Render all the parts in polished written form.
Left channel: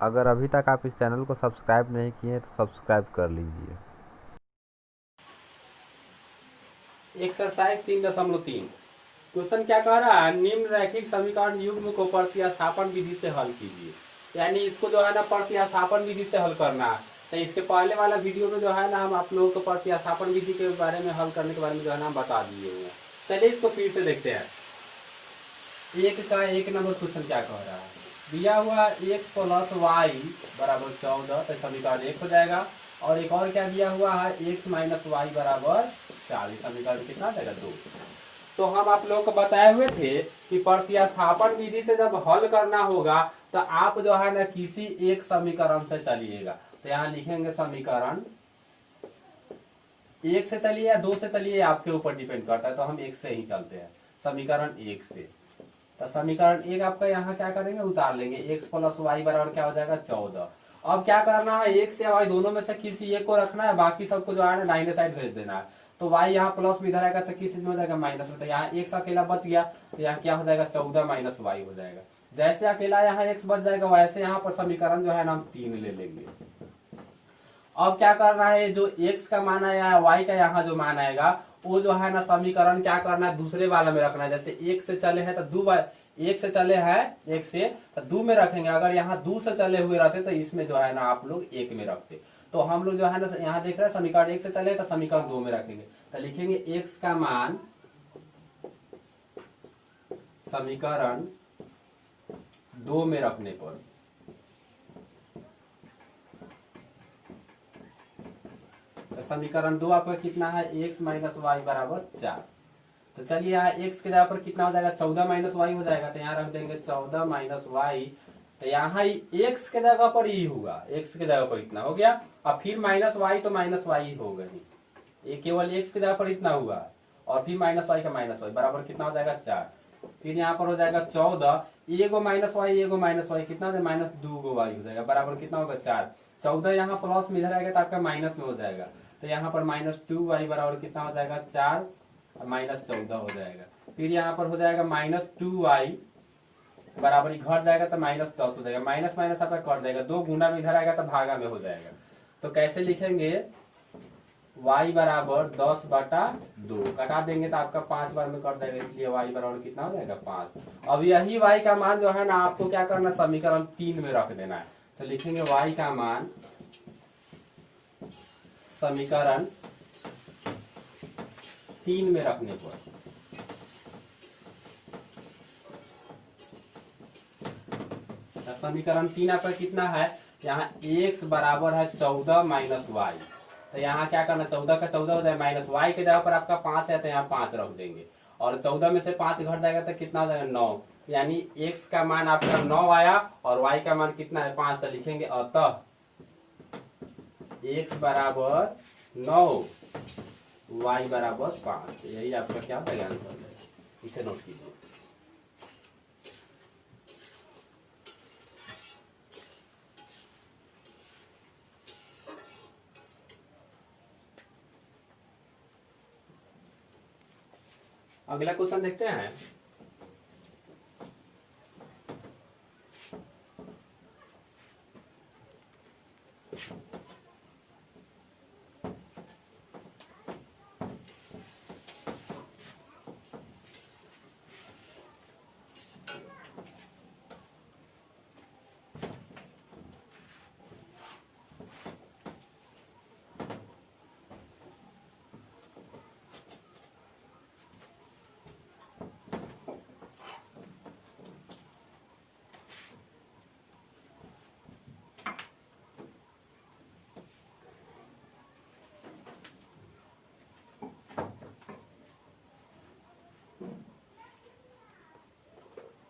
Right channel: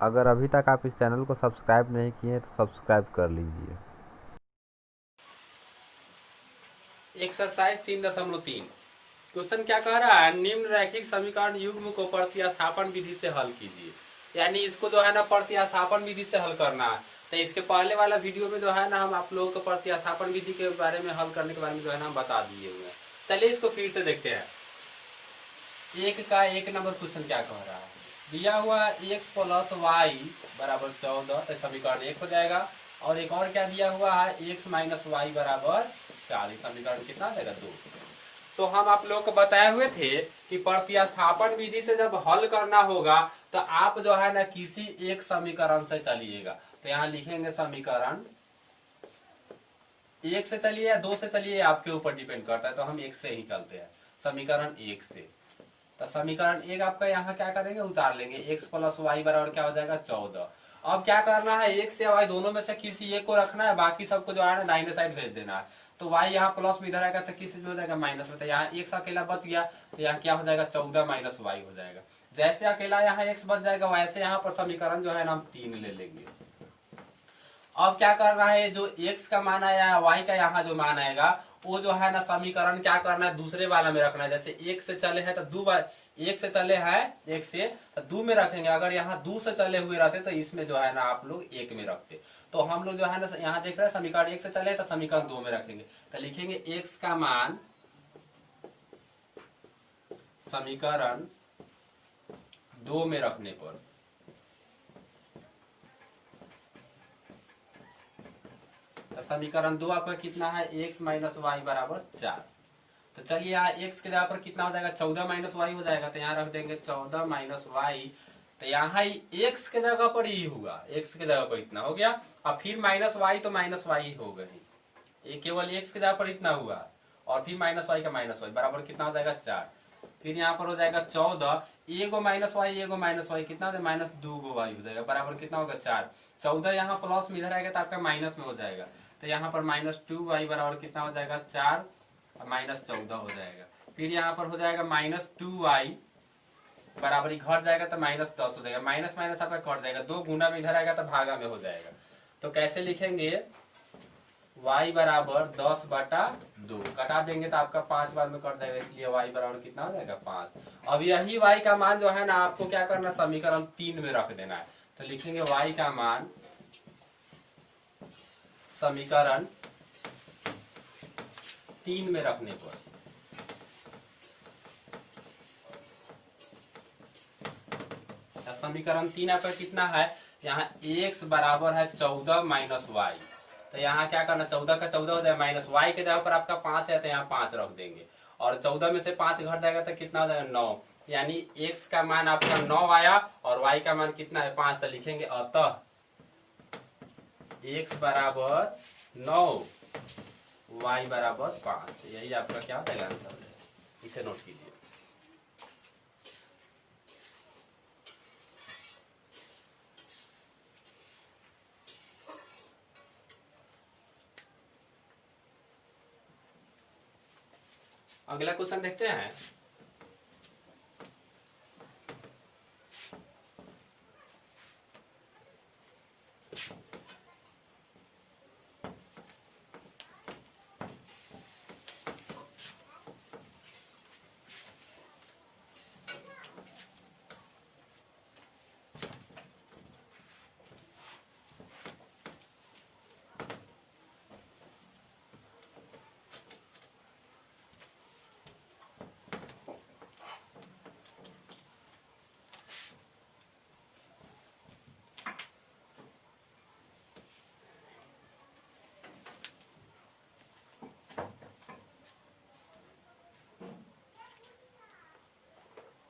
अगर अभी तक आप इस चैनल को सब्सक्राइब नहीं किए हैं तो सब्सक्राइब कर लीजिए। एक्सरसाइज 3.3 क्वेश्चन क्या कह रहा है, निम्न रैखिक समीकरण युग्म को प्रतिस्थापन विधि से हल कीजिए। यानी इसको जो है ना प्रतिस्थापन विधि से हल करना है। तो इसके पहले वाला वीडियो में जो है ना हम आप लोगों को प्रतिस्थापन विधि के बारे में हल करने के बारे में जो है ना हम बता दिए हुए हैं। चलिए इसको फिर से देखते हैं। एक नंबर क्वेश्चन क्या कह रहा है, दिया हुआ एक्स प्लस वाई बराबर 14, तो समीकरण 1 हो जाएगा। और एक और क्या दिया हुआ है, एक्स माइनस वाई बराबर 4, समीकरण कितना आ जाएगा 2। तो हम आप लोग को बताए हुए थे कि प्रतिस्थापन विधि से जब हल करना होगा तो आप जो है ना किसी एक समीकरण से चलिएगा। तो यहाँ लिखेंगे समीकरण 1 से चलिए या 2 से चलिए, आपके ऊपर डिपेंड करता है। तो हम 1 से ही चलते हैं, समीकरण 1 से। तो समीकरण 1 आपका यहाँ क्या करेंगे, उतार लेंगे। एक्स प्लस वाई बराबर क्या हो जाएगा 14। अब क्या करना है, एक्स या वाई दोनों में से किसी एक को रखना है, बाकी सबको जो है ना दाहिने साइड भेज देना है। तो वाई यहाँ प्लस में इधर आएगा तो किसी में हो जाएगा माइनस में। तो यहाँ एक्स अकेला बच गया, तो यहाँ क्या हो जाएगा 14 माइनस वाई हो जाएगा। जैसे अकेला यहाँ एक्स बच जाएगा वैसे यहाँ पर समीकरण जो है ना हम 3 ले लेंगे। अब क्या करना है, जो x का मान आया है y का यहाँ जो मान आएगा वो जो है ना समीकरण क्या करना है दूसरे वाले में रखना है। जैसे एक से चले हैं तो दो बार, एक से चले हैं एक से तो दो में रखेंगे। अगर यहाँ दो से चले हुए रहते तो इसमें जो है ना आप लोग एक में रखते। तो हम लोग जो है ना यहाँ देख रहे हैं समीकरण 1 से चले तो समीकरण 2 में रखेंगे। तो लिखेंगे x का मान समीकरण 2 में रखने पर तो समीकरण 2 आपका कितना है, x माइनस वाई बराबर 4। तो चलिए यहाँ x के जगह पर कितना हो जाएगा 14 माइनस वाई हो जाएगा। तो यहाँ रख देंगे 14 माइनस वाई। तो यहाँ ही x के जगह पर ही होगा, x के जगह पर इतना हो गया। और फिर माइनस वाई तो माइनस वाई हो गई, ये केवल x के जगह पर इतना हुआ। और फिर माइनस वाई का माइनस वाई बराबर कितना हो जाएगा 4। फिर यहाँ पर हो जाएगा 14, एगो माइनस वाई कितना हो जाएगा माइनस 2 वाई हो जाएगा बराबर कितना होगा 4। 14 यहाँ प्लस में इधर आएगा तो आपका माइनस में हो जाएगा। तो यहाँ पर -2y बराबर कितना हो जाएगा 4 और -14 हो जाएगा। फिर यहाँ पर हो जाएगा -2y बराबर घट जाएगा तो -10 हो जाएगा। माइनस माइनस आपका कट जाएगा, 2 गुना में इधर आएगा तो भागा में हो जाएगा। तो कैसे लिखेंगे, y बराबर 10/2 कटा देंगे तो आपका 5 बार में कट जाएगा, इसलिए y बराबर कितना हो जाएगा 5। अब यही y का मान जो है ना आपको क्या करना, समीकरण 3 में रख देना है। तो लिखेंगे y का मान समीकरण 3 में रखने पर समीकरण 3 आपका कितना है, यहाँ x बराबर है 14 माइनस वाई। तो यहाँ क्या करना, 14 का 14 हो जाए, माइनस वाई के जगह पर आपका 5 है तो यहाँ 5 रख देंगे। और 14 में से 5 घट जाएगा तो कितना हो जाएगा 9। यानी x का मान आपका 9 आया और y का मान कितना है 5। तो लिखेंगे अतः x बराबर 9 y बराबर 5। यही आपका क्या होगा आंसर, इसे नोट कीजिए। अगला क्वेश्चन देखते हैं।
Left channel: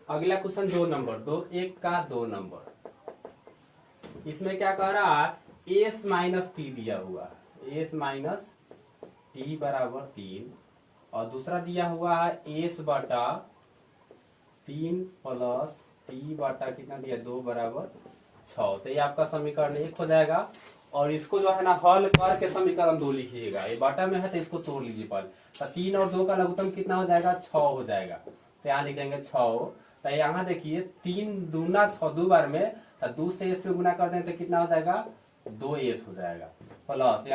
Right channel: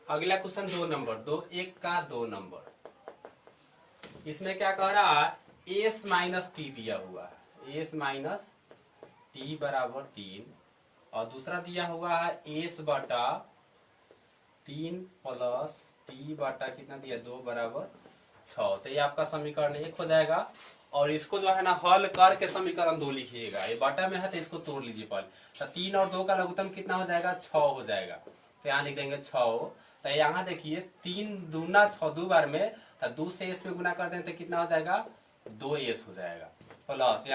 अगला क्वेश्चन 2 नंबर, 1 का 2 नंबर। इसमें क्या कह रहा है, एस माइनस टी दिया हुआ है, एस माइनस टी बराबर 3। और दूसरा दिया हुआ है एस बटा 3 प्लस टी बटा कितना दिया 2 बराबर 6। तो ये आपका समीकरण 1 हो जाएगा। और इसको जो है ना हल करके समीकरण 2 लिखिएगा। ये बटा में है तो इसको तोड़ लीजिए पहले। तो 3 और 2 का लघुत्तम कितना हो जाएगा 6 हो जाएगा। तो यहाँ लिख देंगे 6। तो यहाँ देखिए 3 दूना 6 दो बार में तो 2 से s पे गुना कर दें तो कितना हो जाएगा 2s हो जाएगा, प्लस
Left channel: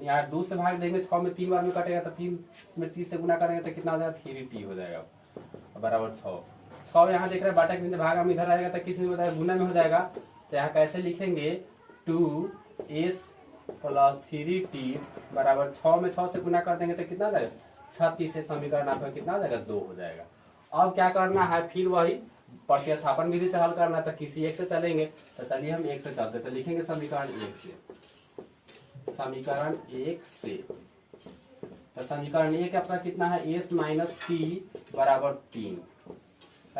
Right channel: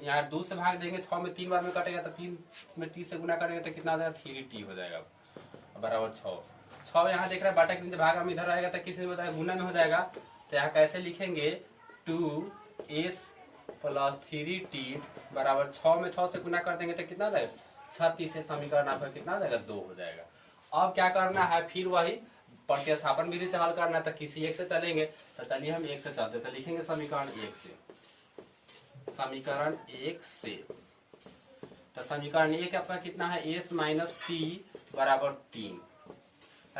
यहाँ 2 से भाग देंगे 6 में 3 बार में कटेगा तो 3 में t से गुना करेंगे तो कितना हो जाएगा 3t हो जाएगा बराबर 6 यहाँ देख रहे हैं बाटा के नीचे भाग हम इधर रहेगा तो किसी में बताएगा गुना में हो जाएगा। तो यहाँ कैसे लिखेंगे 2s प्लस 3t बराबर 6 में 6 से गुना कर देंगे तो कितना हो जाएगा 36 से समीकरण आपका कितना हो जाएगा 2 हो जाएगा। अब क्या करना है फिर वही प्रतिस्थापन विधि से हल करना है तो किसी एक से चलेंगे। तो चलिए हम एक से चलते तो लिखेंगे समीकरण एक से, समीकरण एक से। तो समीकरण एक आपका कितना है s माइनस टी बराबर 3।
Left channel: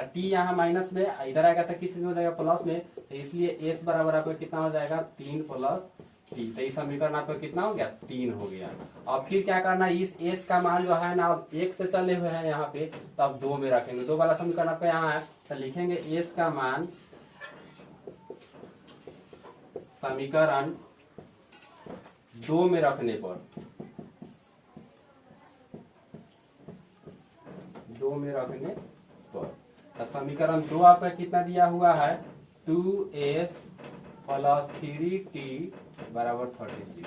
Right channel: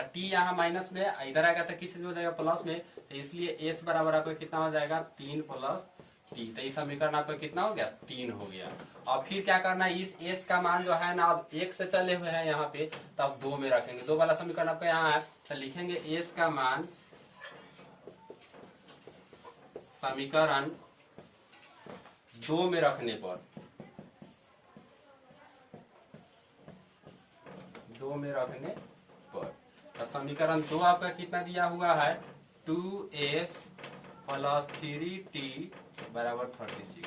टी यहाँ माइनस में इधर आएगा तो किस में हो जाएगा प्लस में, तो इसलिए s बराबर आपका कितना हो जाएगा 3 प्लस टी। तो इस समीकरण आपका कितना हो गया 3 हो गया। अब फिर क्या करना है इस s का मान जो है ना अब एक से चले हुए हैं यहाँ पे तो अब 2 में रखेंगे। 2 वाला समीकरण आपका यहाँ है तो लिखेंगे s का मान समीकरण 2 में रखने पर 2 में रखने पर तो समीकरण 2 आपका कितना दिया हुआ है 2s प्लस 3t बराबर 36।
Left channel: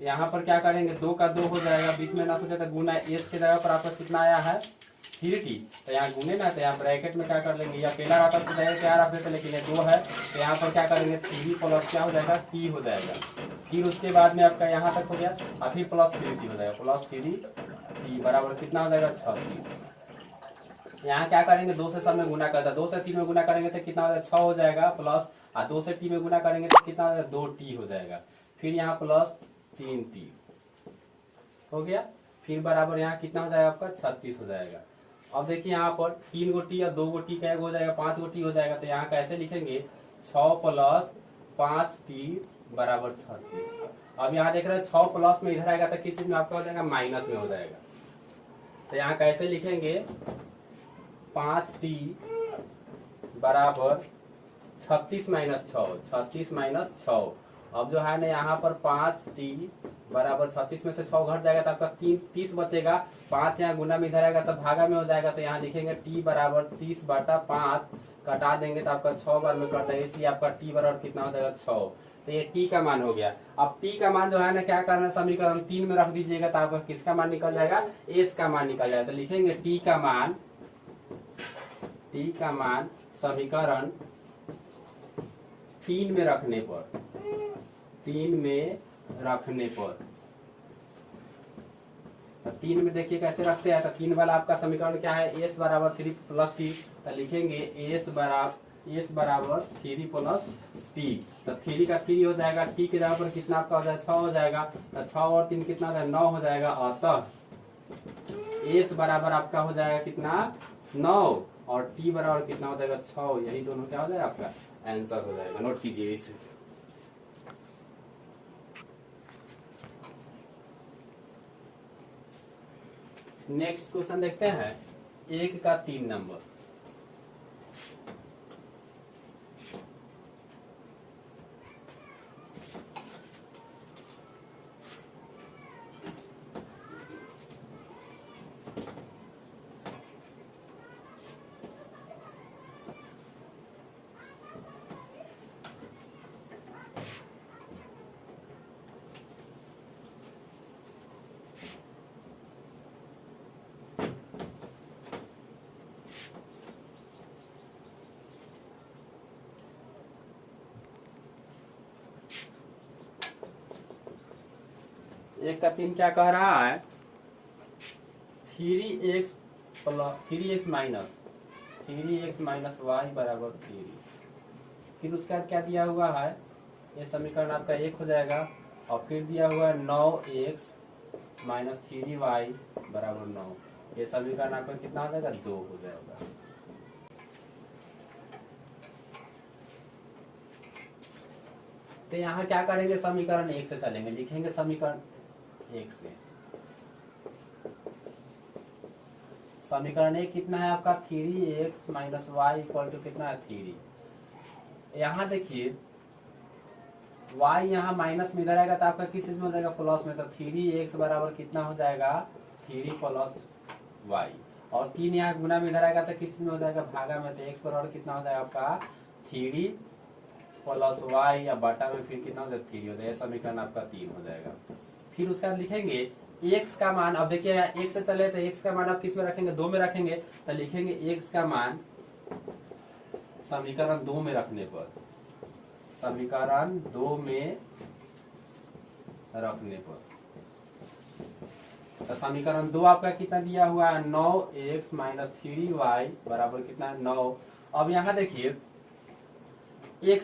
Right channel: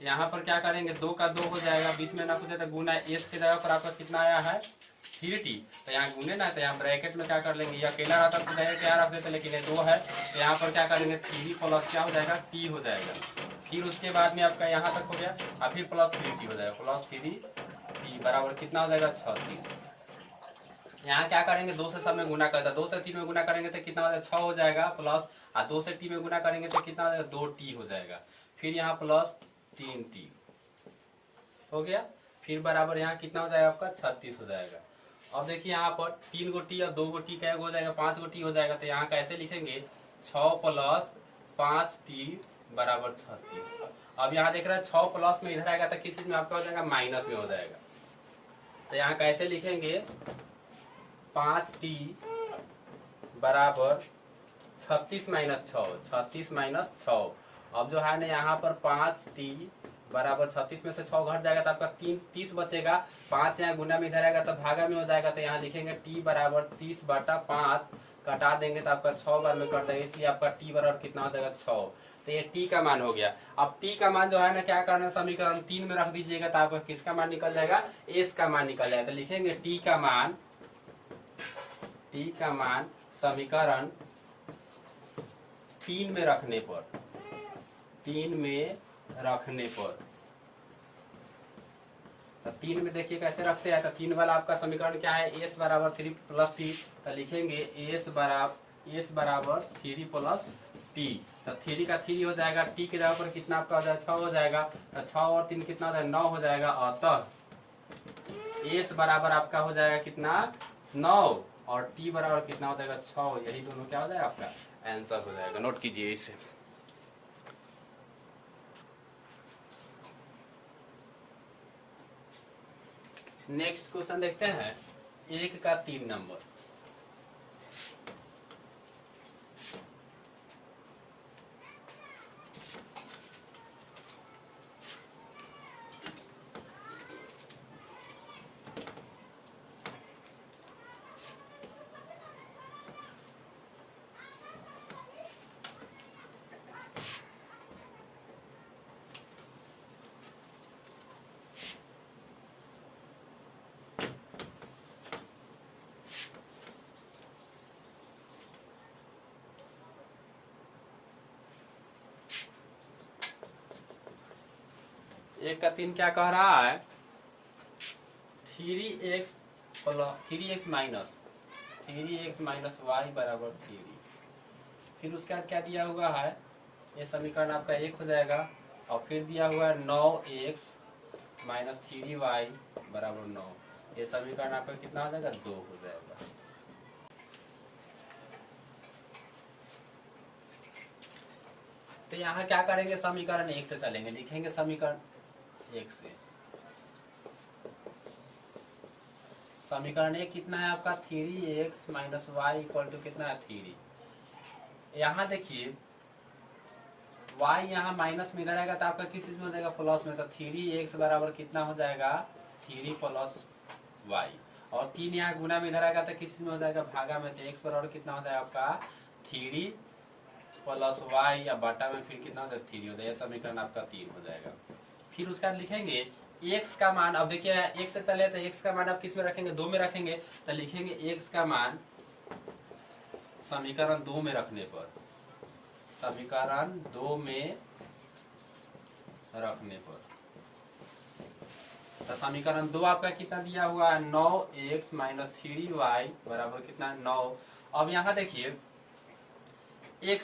यहाँ पर क्या करेंगे 2 का 2 हो जाएगा, बीच में ना कुछ तो गुना s के जगह पर आपका कितना आया है 3t। तो यहाँ गुने ना तो यहाँ ब्रैकेट में क्या कर लेंगे, ये अकेला रहता तो जगह क्या रख देते लेकिन ये 2 है तो यहाँ पर क्या करेंगे 3 प्लस क्या हो जाएगा t हो जाएगा। फिर उसके बाद में आपका यहाँ तक हो गया और फिर प्लस 3t हो जाएगा, प्लस 3t बराबर कितना हो जाएगा 36। यहाँ क्या करेंगे 2 से सब में गुना करता है, 2 से 3 में गुना करेंगे तो कितना हो जाएगा 6 हो जाएगा प्लस, और 2 से t में गुना करेंगे तो कितना हो जाएगा 2t हो जाएगा, फिर यहाँ प्लस 3t हो गया, फिर बराबर यहाँ कितना हो जाएगा आपका 36 हो जाएगा। अब देखिए यहाँ पर 3 गो टी और 2 गो टी क्या हो जाएगा 5 गो टी हो जाएगा। तो यहाँ कैसे लिखेंगे 6 प्लस 5t बराबर 36। अब यहाँ देख रहे हैं 6 प्लस में इधर आएगा तो किस चीज में आपका हो जाएगा माइनस में हो जाएगा। तो यहाँ कैसे लिखेंगे 5t बराबर 36 माइनस 6, 36 माइनस 6। अब जो है ना यहाँ पर 5t बराबर 36 में से 6 घट जाएगा तो आपका 30 बचेगा, 5 यहाँ गुना में इधर आएगा तो भागा में हो जाएगा। तो यहाँ लिखेंगे t बराबर 30 बटा 5 कटा देंगे तो आपका 6 बार में कट जाएगा, इसलिए आपका t बराबर कितना हो जाएगा 6। तो ये t का मान हो गया। अब t का मान जो है ना क्या करना समीकरण 3 में रख दीजिएगा तो आपका किसका मान निकल जाएगा s का मान निकल जाएगा। तो लिखेंगे t का मान समीकरण 3 में रखने पर, 3 में रखने पर, तो 3 में देखिए कैसे रखते हैं। तो 3 वाला आपका समीकरण क्या है s बराबर 3 प्लस टी। तो लिखेंगे s बराबर 3 प्लस टी। तो 3 का 3 हो जाएगा, t के जगह पर कितना आपका हो जाएगा 6 हो जाएगा। तो 6 और 3 कितना हो जाएगा 9 हो जाएगा। अतः s बराबर आपका हो जाएगा कितना 9 और t बराबर कितना हो जाएगा 6। यही दोनों क्या हो जाएगा आपका आंसर हो जाएगा। नोट कीजिए इसे। नेक्स्ट क्वेश्चन देखते हैं 1 का 3 नंबर। एक का 3 क्या कह रहा है 3x माइनस वाई बराबर 3। फिर उसके बाद क्या दिया हुआ है ये समीकरण आपका 1 हो जाएगा और फिर दिया हुआ है 9x माइनस 3y बराबर 9। ये समीकरण आपका कितना हो जाएगा 2 हो जाएगा। तो यहाँ क्या करेंगे समीकरण 1 से चलेंगे, लिखेंगे समीकरण 1 से। समीकरण 1 कितना है आपका 3x minus Y equal to कितना है 3। यहाँ देखिए y यहाँ माइनस में इधर आएगा तो आपका किस चीज में हो जाएगा प्लस में। तो 3x बराबर कितना हो जाएगा 3 प्लस y और 3 यहाँ गुना में इधर आएगा तो किस चीज में हो जाएगा भागा में। तो x बराबर कितना हो जाएगा आपका 3 प्लस वाई या बटा में फिर कितना हो जाएगा 3 हो जाएगा। यह समीकरण आपका 3 हो जाएगा। फिर उसके बाद लिखेंगे x का मान, अब देखिए x से चले तो x का मान आप किस में रखेंगे 2 में रखेंगे, तो लिखेंगे x का मान समीकरण 2 में रखने पर, समीकरण 2 में रखने पर, तो समीकरण 2 आपका कितना दिया हुआ है 9x माइनस 3y बराबर कितना है 9। अब यहाँ देखिए x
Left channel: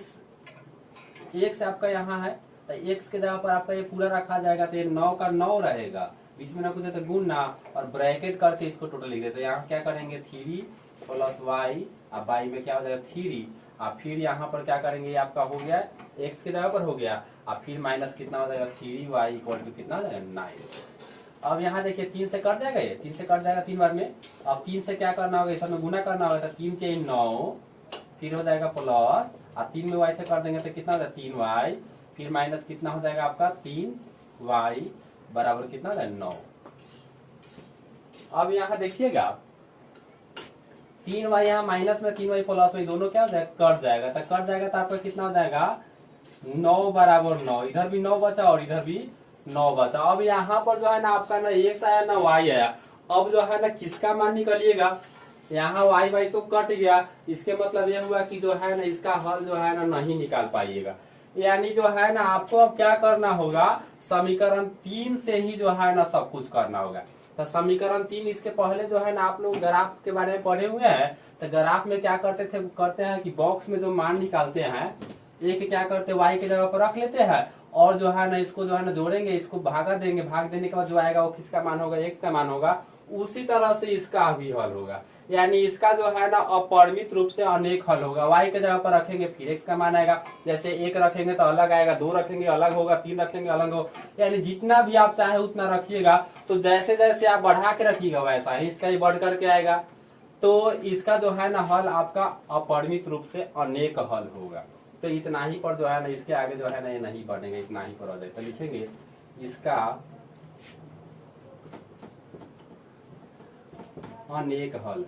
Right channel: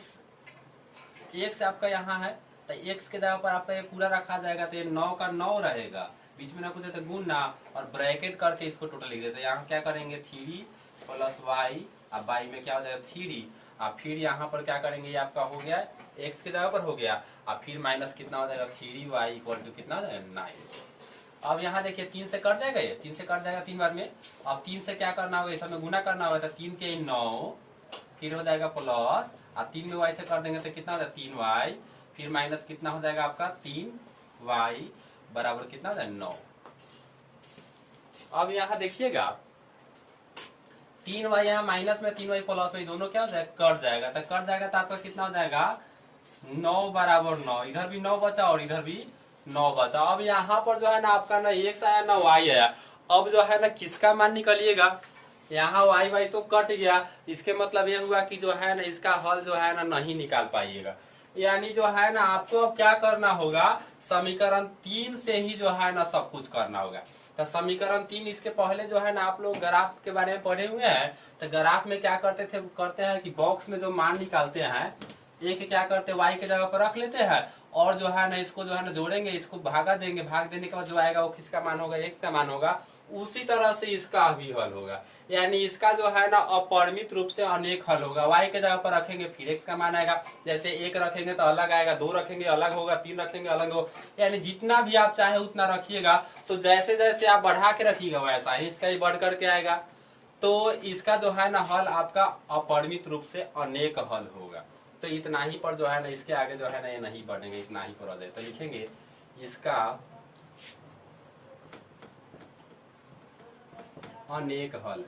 आपका यहाँ है, तो x के जगह पर आपका ये पूरा रखा जाएगा, तो ये 9 का 9 रहेगा, बीच में ना कुछ है तो गुना और ब्रैकेट करके इसको टोटल लिख देते हैं। यहाँ क्या करेंगे 3 प्लस वाई, अब वाई में क्या हो जाएगा 3, और फिर यहाँ पर क्या करेंगे, ये आपका हो गया x के जगह पर हो गया, और फिर माइनस कितना हो जाएगा 3y इक्वल टू कितना हो जाएगा 9। अब यहाँ देखिए 3 से कट जाएगा, ये 3 से कट जाएगा 3 बार में। अब 3 से क्या करना होगा, इस समय गुना करना होगा, तो 3 के 9 फिर हो जाएगा प्लस, और 3 में y से कर देंगे तो कितना हो जाएगा 3y, फिर माइनस कितना हो जाएगा आपका 3y बराबर कितना हो जाएगा 9। अब यहाँ देखिएगा 3y यहाँ माइनस में 3y प्लस में दोनों क्या हो जाएगा कट जाएगा, तो कट जाएगा तो आपका कितना हो जाएगा 9 बराबर 9, इधर भी 9 बचा और इधर भी 9 बचा। अब यहाँ पर जो है ना आपका ना x आया ना y आया, अब जो है ना किसका मान निकलिएगा, यहाँ y तो कट गया, इसके मतलब यह हुआ कि जो है ना इसका हल जो है ना नहीं निकाल पाइएगा। यानी जो है ना आपको अब क्या करना होगा, समीकरण 3 से ही जो है ना सब कुछ करना होगा। तो समीकरण 3 इसके पहले जो है ना आप लोग ग्राफ के बारे में पढ़े हुए हैं, तो ग्राफ में क्या करते हैं कि बॉक्स में जो मान निकालते हैं एक क्या करते हैं y के जगह पर रख लेते हैं, और जो है ना इसको जो है ना जोड़ेंगे, इसको भागा देंगे, भाग देने के बाद जो आएगा वो किसका मान होगा x का मान होगा। उसी तरह से इसका भी हल होगा, यानी इसका जो है ना अपरिमित रूप से अनेक हल होगा। y के जगह पर रखेंगे फिर x का मान आएगा, जैसे 1 रखेंगे तो अलग आएगा, 2 रखेंगे अलग होगा, 3 रखेंगे अलग होगा, यानी जितना भी आप चाहे उतना रखिएगा। तो जैसे जैसे आप बढ़ा के रखिएगा वैसा ही इसका ही बढ़ करके आएगा। तो इसका जो है ना हल आपका अपरिमित रूप से अनेक हल होगा। तो इतना ही पर जो है ना इसके आगे जो है ना ये नहीं बढ़ेंगे, इतना ही पर हो जाए। तो लिखेंगे इसका अनेक हल,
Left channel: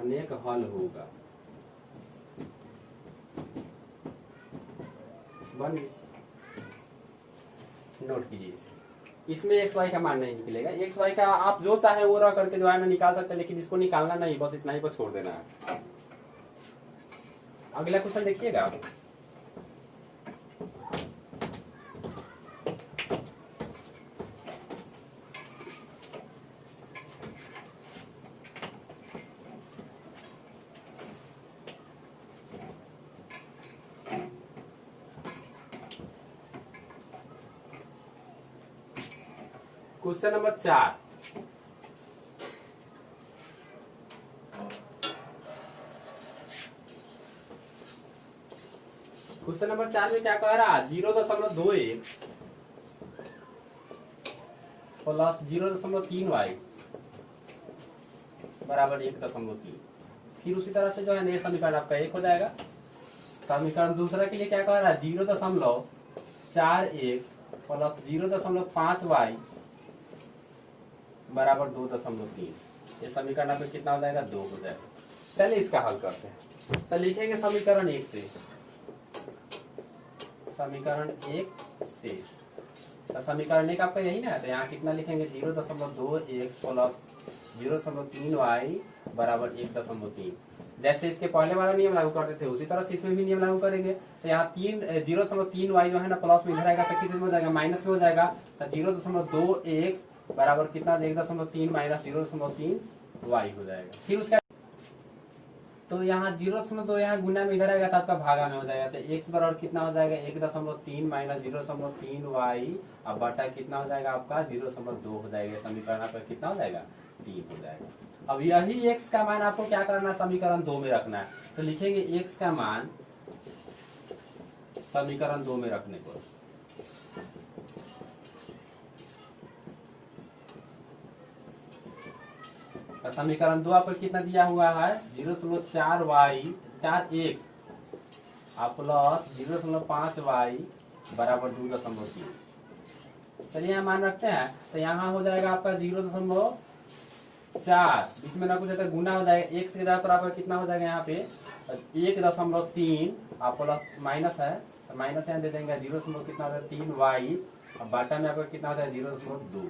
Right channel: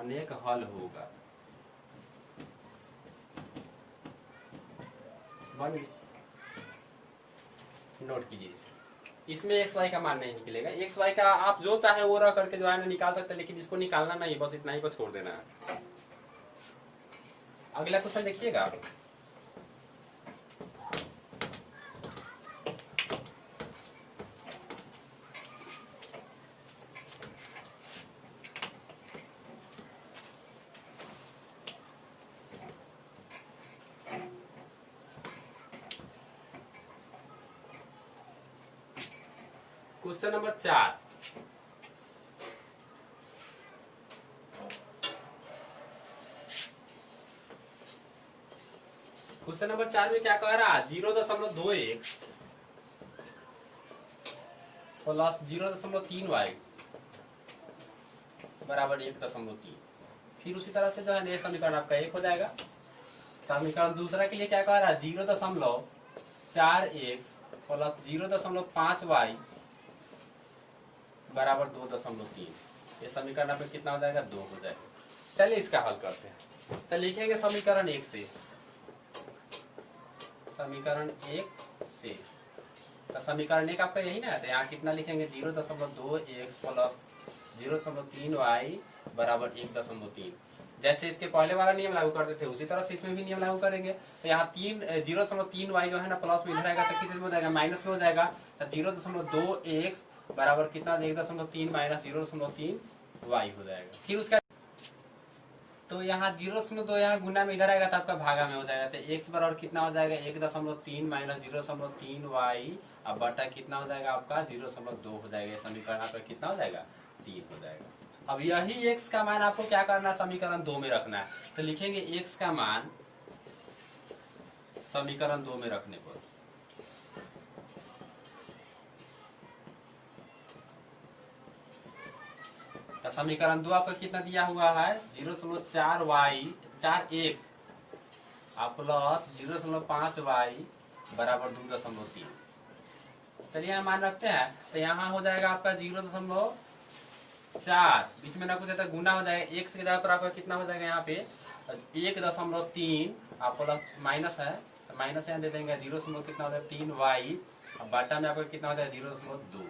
अनेक हल होगा। बन नोट कीजिए इसमें एक्स वाई का मान नहीं निकलेगा, एक्स वाई का आप जो चाहे वो रह करके जो है ना निकाल सकते हैं, लेकिन इसको निकालना नहीं, बस इतना ही को छोड़ देना है। अगला क्वेश्चन देखिएगा, क्वेश्चन नंबर 4। क्वेश्चन नंबर 4 में क्या कह रहा है 0.21 प्लस 0.3y बराबर 1.3। फिर उसी तरह से जो है ये समीकरण आपका 1 हो जाएगा। समीकरण दूसरा के लिए क्या कह रहा है 0.4x प्लस 0.5y बराबर 2.3। ये समीकरण पे कितना हो जाएगा 2 हो जाएगा। चलिए इसका हल करते हैं। तो लिखेंगे समीकरण 1 से, समीकरण 1 से, तो समीकरण 1 आपका यही ना, तो यहाँ कितना लिखेंगे 0.2x प्लस 0.3y बराबर 1.3। जैसे इसके पहले वाला नियम लागू करते थे उसी तरह से इसमें भी नियम लागू करेंगे। तो यहाँ 0.3y जो है ना प्लस में इधर आएगा तो किस में हो जाएगा माइनस में हो जाएगा। तो 0.2x बराबर कितना 1.3 माइनस 0.3y हो जाएगा। फिर उसका तो यहाँ 0.2 यहाँ गुना में इधर आएगा तो आपका भागा में हो जाएगा। तो x बराबर कितना हो जाएगा 1.3 माइनस 0.3y अब बटा कितना हो जाएगा आपका 0.2 हो जाएगा। समीकरण आपका कितना हो जाएगा 3 हो जाएगा। अब यही x का मान आपको क्या करना है समीकरण 2 में रखना है। तो लिखेंगे x का मान समीकरण 2 में रखने पर समीकरण 2 आपको कितना दिया हुआ है 0.4y 4x प्लस 0.5y बराबर 2.3। चलिए यहाँ मान रखते हैं तो यहाँ हो जाएगा आपका 0.4 4, बीच में ना कुछ है तो गुना हो जाएगा। x की जगह पर आपका कितना हो जाएगा यहाँ पे 1.3, आप प्लस माइनस है तो माइनस यहाँ दे देंगे, 0 कितना होता है 3y, अब बाटा में आपका कितना होता है 0.2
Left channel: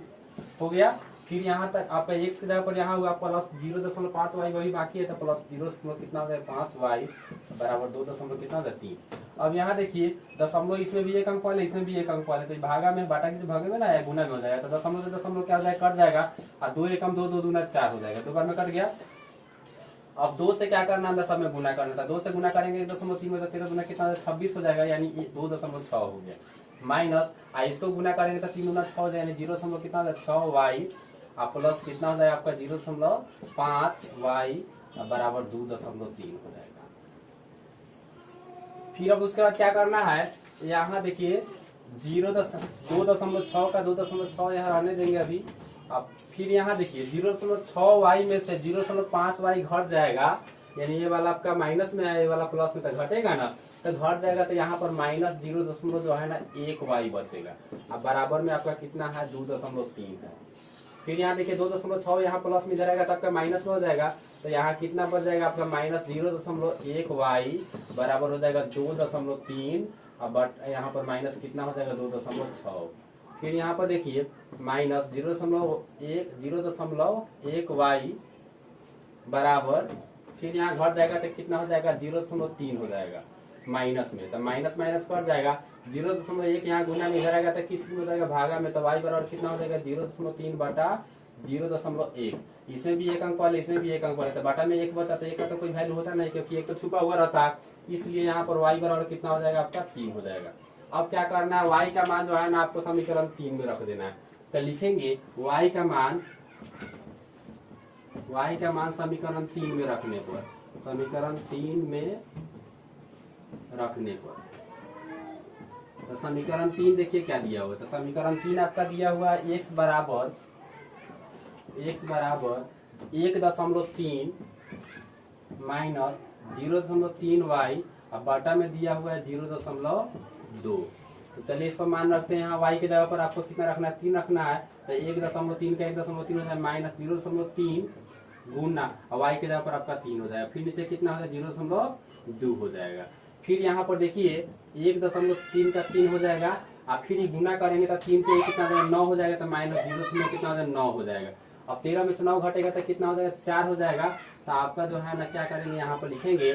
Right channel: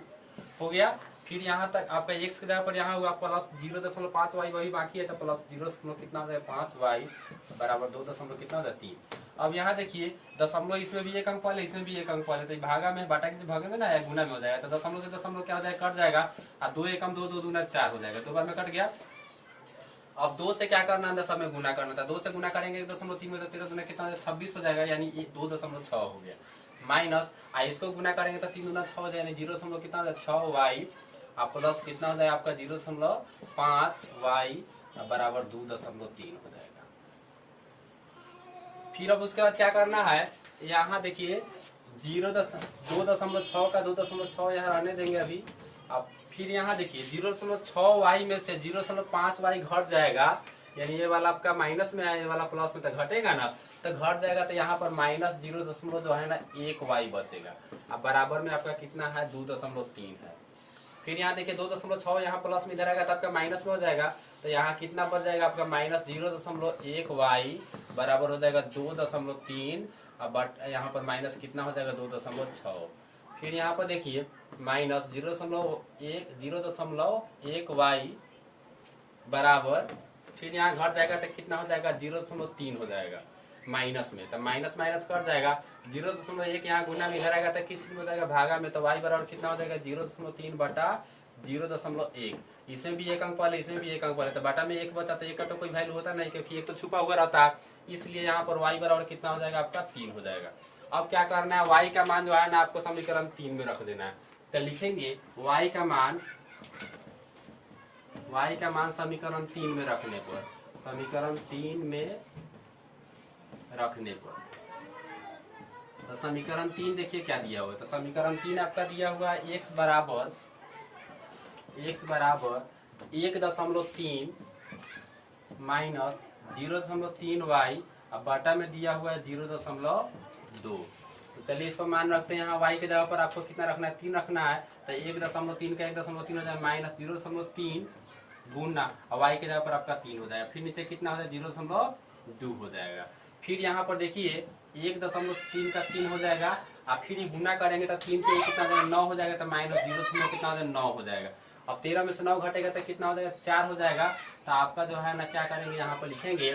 हो गया। फिर यहाँ तक आपका x की जगह पर यहाँ हुआ प्लस 0.5y, वही बाकी है तो प्लस 0 कितना होता है 5y बराबर 2 कितना होता है 3। अब यहाँ देखिए दशमलव, इसमें भी एक अंक वाले इसमें भी एक अंक वाले, तो भागा में बाटा के भागे में ना है गुना में हो जाएगा, तो दशमलव से दशमलव क्या हो जाएगा कट जाएगा, और 2 एकम 2, 2 दूना 4 हो जाएगा, 2 बार में कट गया। अब 2 से क्या करना है दशम में गुना करना था, 2 से गुना करेंगे 1.3 में तो 13 दूना कितना 26 हो जाएगा, यानी 2.6 हो गया। माइनस इसको गुना करेंगे तो 3 दूना 6 हो जाएगा, 0 कितना हो जाएगा 6y, आप प्लस कितना हो जाएगा आपका 0.5y बराबर 2.3 हो जाएगा। फिर अब उसके बाद क्या करना है, यहाँ देखिए 2.6 का 2.6 यहाँ रहने देंगे अभी। अब फिर यहाँ देखिए 0.6y में से 0.5y घट जाएगा, यानी ये वाला आपका माइनस में है, ये वाला प्लस में, तो घटेगा ना, तो घट जाएगा, तो यहाँ पर माइनस 0 जो है ना 1y बचेगा। अब बराबर में आपका कितना है 2.3 है। फिर यहाँ देखिए 2.6 यहाँ प्लस में इधर आएगा तो आपका माइनस में हो जाएगा, तो यहाँ कितना बच जाएगा आपका माइनस 0.1y बराबर हो जाएगा 2.3, अब यहाँ पर माइनस कितना हो जाएगा 2.6। फिर यहाँ पर देखिए माइनस 0.1y बराबर, फिर यहाँ घट जाएगा तो कितना हो जाएगा 0.3 हो जाएगा माइनस में, तो माइनस माइनस कट जाएगा, 0.1 यहाँ गुना में इधर आएगा तो किस में हो जाएगा भागा में, तो y बराबर कितना हो जाएगा 0.3 बटा 0.1। इसमें भी एक अंक वाले इसमें भी एक अंक वाले, तो बाटा में 1 बचा, तो 1 का तो कोई वैल्यू होता नहीं क्योंकि 1 तो छुपा हुआ रहता है, इसलिए यहाँ पर y बराबर कितना हो जाएगा आपका 3 हो जाएगा। अब क्या करना है, y का मान जो है ना आपको समीकरण 3 में रख देना है, तो लिखेंगे y का मान समीकरण 3 में रखने पर, समीकरण 3 में रखने पर, तो समीकरण 3 देखिए क्या दिया हुआ है, तो समीकरण 3 आपका दिया हुआ है x बराबर 1.3 माइनस 0.3y, अब बाटा में दिया हुआ है 0.2। तो चलिए इसको मान रखते हैं, यहाँ y के जगह पर आपको कितना रखना है 3 रखना है, तो 1.3 का 1.3 हो जाए माइनस 0.3 गुना, और y के जगह पर आपका 3 हो जाएगा, फिर नीचे कितना हो जाएगा 0.2 हो जाएगा। फिर यहाँ पर देखिए 1.3 का 3 हो जाएगा, आप फिर ये गुना करेंगे तो 3 पे कितना हो जाएगा 9 हो जाएगा, तो माइनस 0 कितना हो जाएगा 9 हो जाएगा। अब 13 में से 9 घटेगा तो कितना हो जाएगा 4 हो जाएगा, तो आपका जो है ना क्या करेंगे यहाँ पर लिखेंगे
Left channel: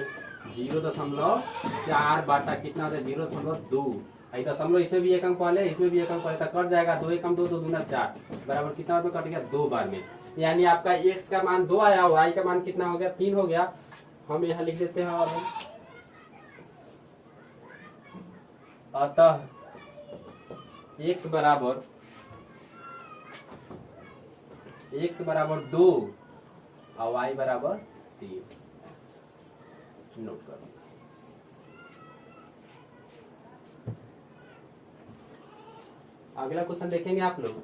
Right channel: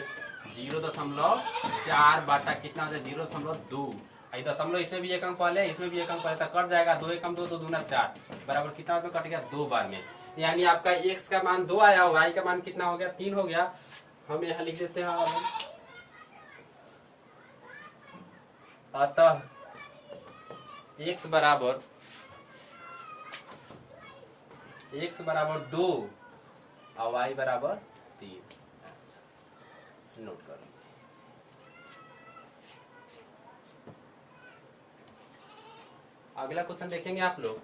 0.4 बाटा कितना हो जाएगा 0.2, दशमलव इसमें भी एक अंक वाले इसमें भी एक अंक वाले, तो कट जाएगा 2 एकम 2, 2 दूना 4 बराबर कितना में कट गया 2 बार में, यानी आपका x का मान 2 आया, y का मान कितना हो गया 3 हो गया। हम यहाँ लिख देते हैं, अतः x बराबर 2 और y बराबर 3, नोट कर लो। अगला क्वेश्चन देखेंगे आप लोग,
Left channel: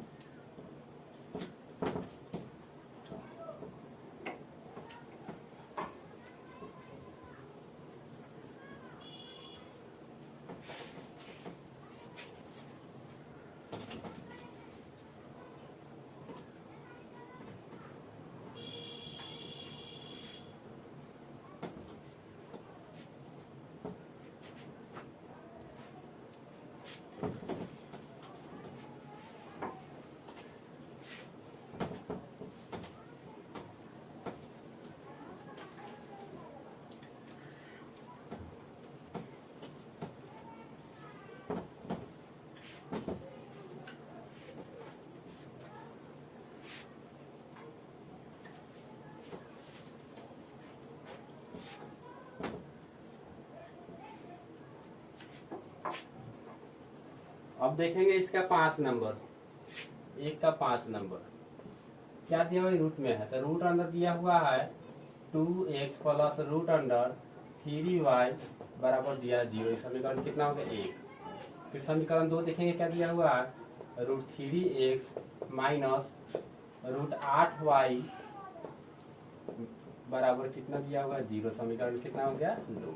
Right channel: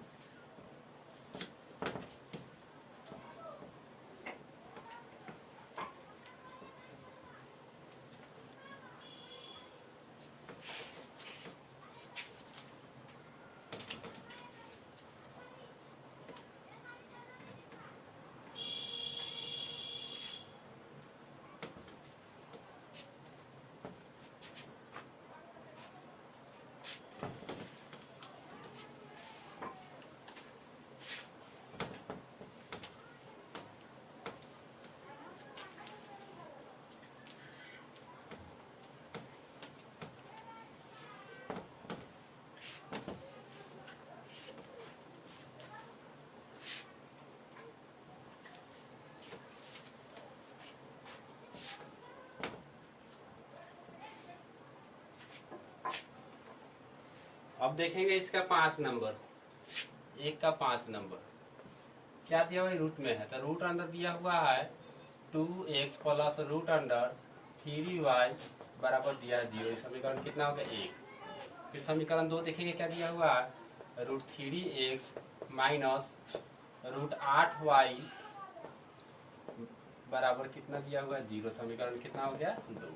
अब देखेंगे इसका 5 नंबर, एक का 5 नंबर क्या दिया हुआ रूट में है, तो रूट अंदर दिया हुआ है 2x plus root under 3y बराबर दिया है 0, समीकरण कितना हो गया 1। फिर समीकरण 2 देखेंगे क्या दिया हुआ है, root 3x minus root 8y बराबर कितना दिया हुआ है 0, समीकरण कितना हो गया 2।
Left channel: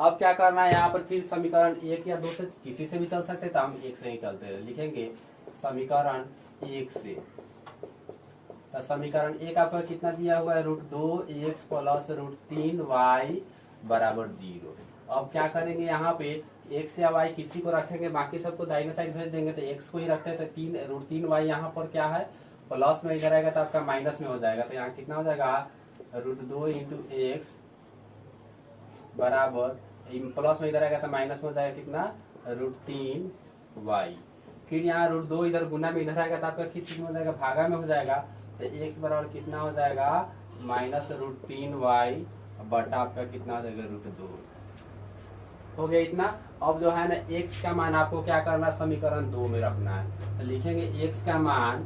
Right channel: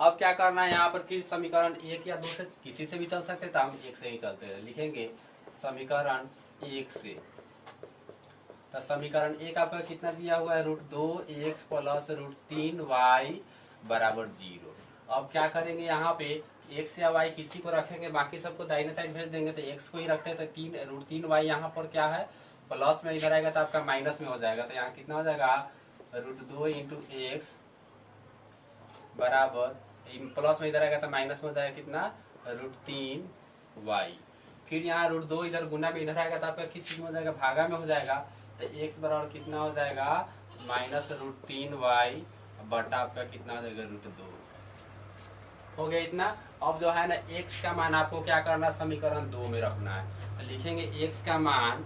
अब क्या करना है, यहाँ पर फिर समीकरण 1 या 2 से किसी से भी चल सकते हैं, तो हम 1 से ही चलते हैं, लिखेंगे समीकरण 1 से तो समीकरण एक आपका कितना दिया हुआ है, √2x प्लस √3y बराबर 0। अब क्या करेंगे यहाँ पे x या y किसी को रखेंगे, बाकी सबको दाहिने साइड भेज देंगे, तो x को ही रखते हैं। तो √3y यहाँ पर क्या है प्लस में, इधर आएगा तो आपका माइनस में हो जाएगा। तो यहाँ कितना हो जाएगा √2 इंटू एक्स बराबर, प्लस में इधर आएगा तो माइनस में हो जाएगा कितना √3y। फिर यहाँ √2 इधर गुना में इधर आएगा तो आपका किस चीज में हो जाएगा, भागा में हो जाएगा। तो x बराबर कितना हो जाएगा -√3y बटा आपका कितना हो जाएगा √2। हो गया इतना। अब जो है ना x का मान आपको क्या करना, समीकरण 2 में रखना है। तो लिखेंगे x का मान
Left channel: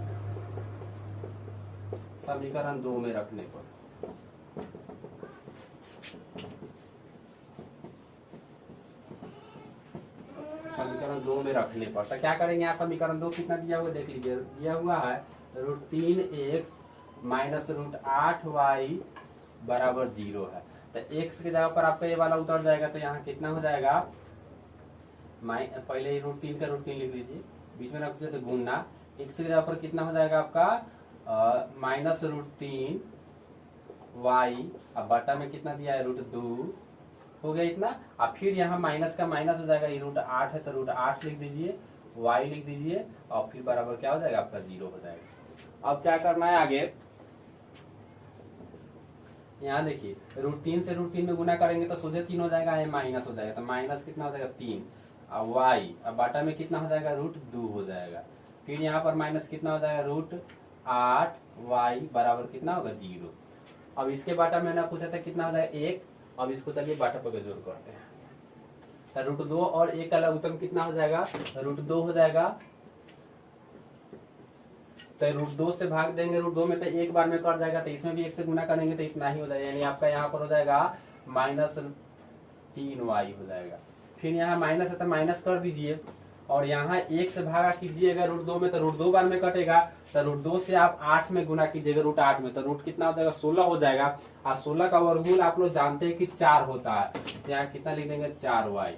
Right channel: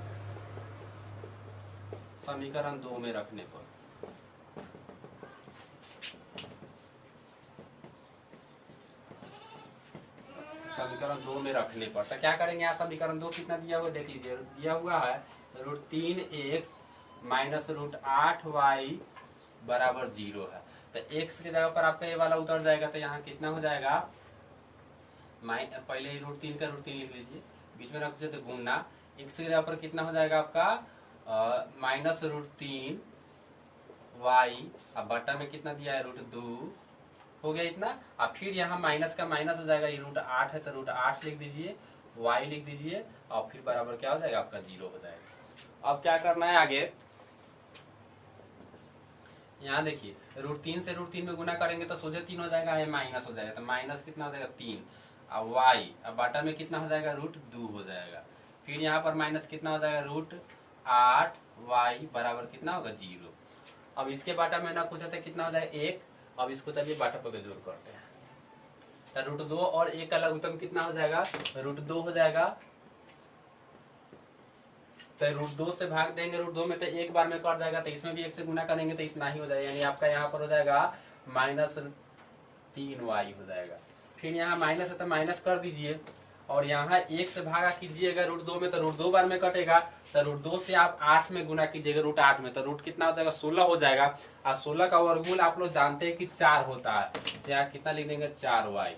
समीकरण 2 में रखने पर, समीकरण 2 में रखने पर तो क्या करेंगे, यहाँ समीकरण 2 कितना दिया हुआ देख लीजिए, दिया हुआ है √3x माइनस √8y बराबर 0 है। तो x की जगह पर आपका ये वाला उतर जाएगा। तो यहाँ कितना हो जाएगा, पहले √3 का √3 लिख लीजिए, बीच में रख दीजिए तो गुना, x की जगह पर कितना हो जाएगा आपका -√3y, अब बटा में कितना दिया है √2। हो गया इतना। अब फिर यहाँ माइनस का माइनस हो जाएगा, ये √8 है तो √8 लिख दीजिए, y लिख दीजिए, और फिर बराबर क्या हो जाएगा आपका 0 हो जाएगा। अब क्या करना है आगे, यहाँ देखिए √3 से √3 में गुना करेंगे तो सोझे 3 हो जाएगा, ये माइनस हो जाएगा। तो माइनस कितना हो जाएगा 3, अब y, अब बाटा में कितना हो जाएगा √2 हो जाएगा। फिर यहाँ पर माइनस कितना हो जाएगा √8y बराबर कितना होगा 0। अब इसके बाटा में ना पूछा था कितना हो जाएगा 1। अब इसको चलिए बाटा पर जोड़ करते हैं। तो √2 और 1 का लघुत्तम कितना हो जाएगा, √2 हो जाएगा। तो √2 से भाग देंगे, √2 में तो एक बार में कट जाएगा, तो इसमें भी 1 से गुना करेंगे तो इतना ही हो जाएगा, यानी आपका यहाँ पर हो जाएगा -3y हो जाएगा। फिर यहाँ माइनस है तो माइनस कर दीजिए, और यहाँ 1 से भागा कीजिएगा √2 में तो √2 बार में कटेगा। तो √2 से आप 8 में गुना कीजिएगा √8 में, तो रूट कितना हो जाएगा 16 हो जाएगा। और 16 का वर्गमूल आप लोग जानते हैं कि 4 होता है। तो यहाँ कितना लिख देंगे 4y,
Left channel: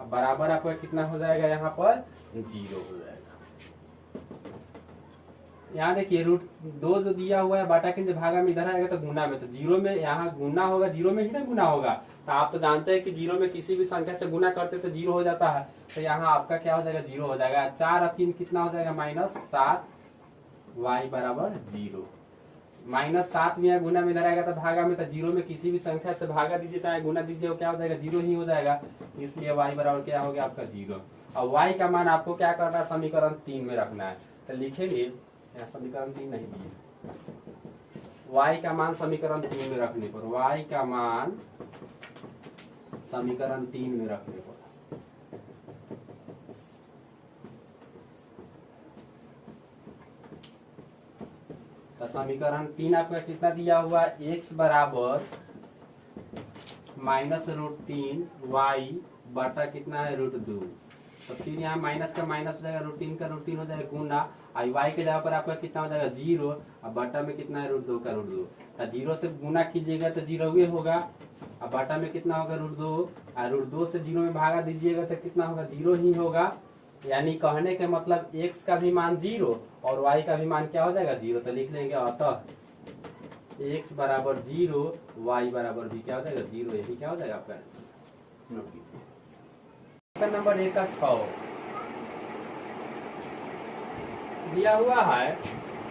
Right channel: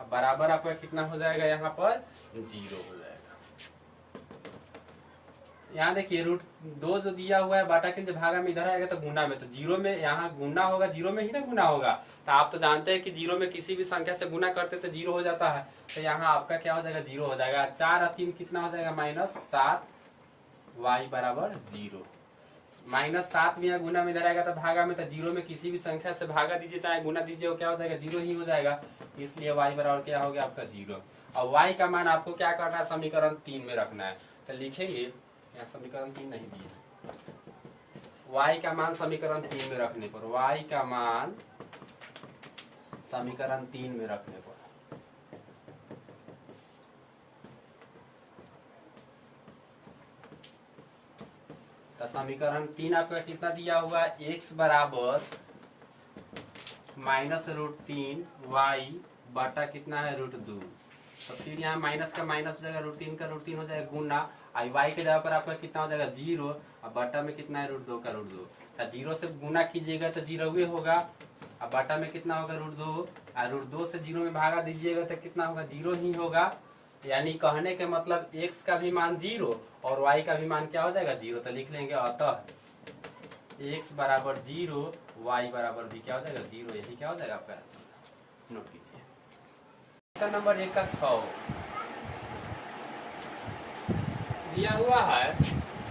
अब बराबर आपका कितना हो जाएगा यहाँ पर 0 हो जाएगा। यहाँ देखिए √2 जो दिया हुआ है बाटा के भागा में इधर आएगा तो गुना में, तो 0 में यहाँ गुना होगा, 0 में ही ना गुना होगा। तो आप तो जानते हैं कि 0 में किसी भी संख्या से गुना करते तो 0 हो जाता है। तो यहाँ आपका क्या हो जाएगा 0 हो जाएगा। 4 और 3 कितना हो जाएगा -7y बराबर 0। -7 में गुना में इधर आएगा तो भागा में, तो 0 में किसी भी संख्या से भागा दीजिए चाहे गुना दीजिए, वो क्या हो जाएगा 0 ही हो जाएगा। इसलिए y बराबर क्या हो गया आपका 0। और y का मान आपको क्या करना है, समीकरण 3 में रखना है। तो लिखेंगे यहाँ समीकरण 3 नहीं दिए, y का मान समीकरण 3 में रखने पर, y का मान समीकरण 3 में रखने पर तो समीकरण 3 आपका कितना दिया हुआ है, x बराबर -√3y बटा कितना है √2। तो फिर यहाँ माइनस का माइनस हो जाएगा, √3 का √3 हो जाएगा गुना, आई y के जगह पर आपका कितना हो जाएगा 0, अब बटा में कितना है √2 का √2। तो 0 से गुना कीजिएगा तो 0 ही होगा, अब बटा में कितना होगा √2, और √2 से 0 में भागा दीजिएगा तो कितना होगा 0 ही होगा। यानी कहने के मतलब x का भी मान 0 और y का भी मान क्या हो जाएगा 0। तो लिख लेंगे अतः x बराबर 0 y बराबर भी क्या हो जाएगा 0। यही क्या हो जाएगा आपका, नोट कीजिए। क्वेश्चन नंबर 1 का 6 दिया हुआ है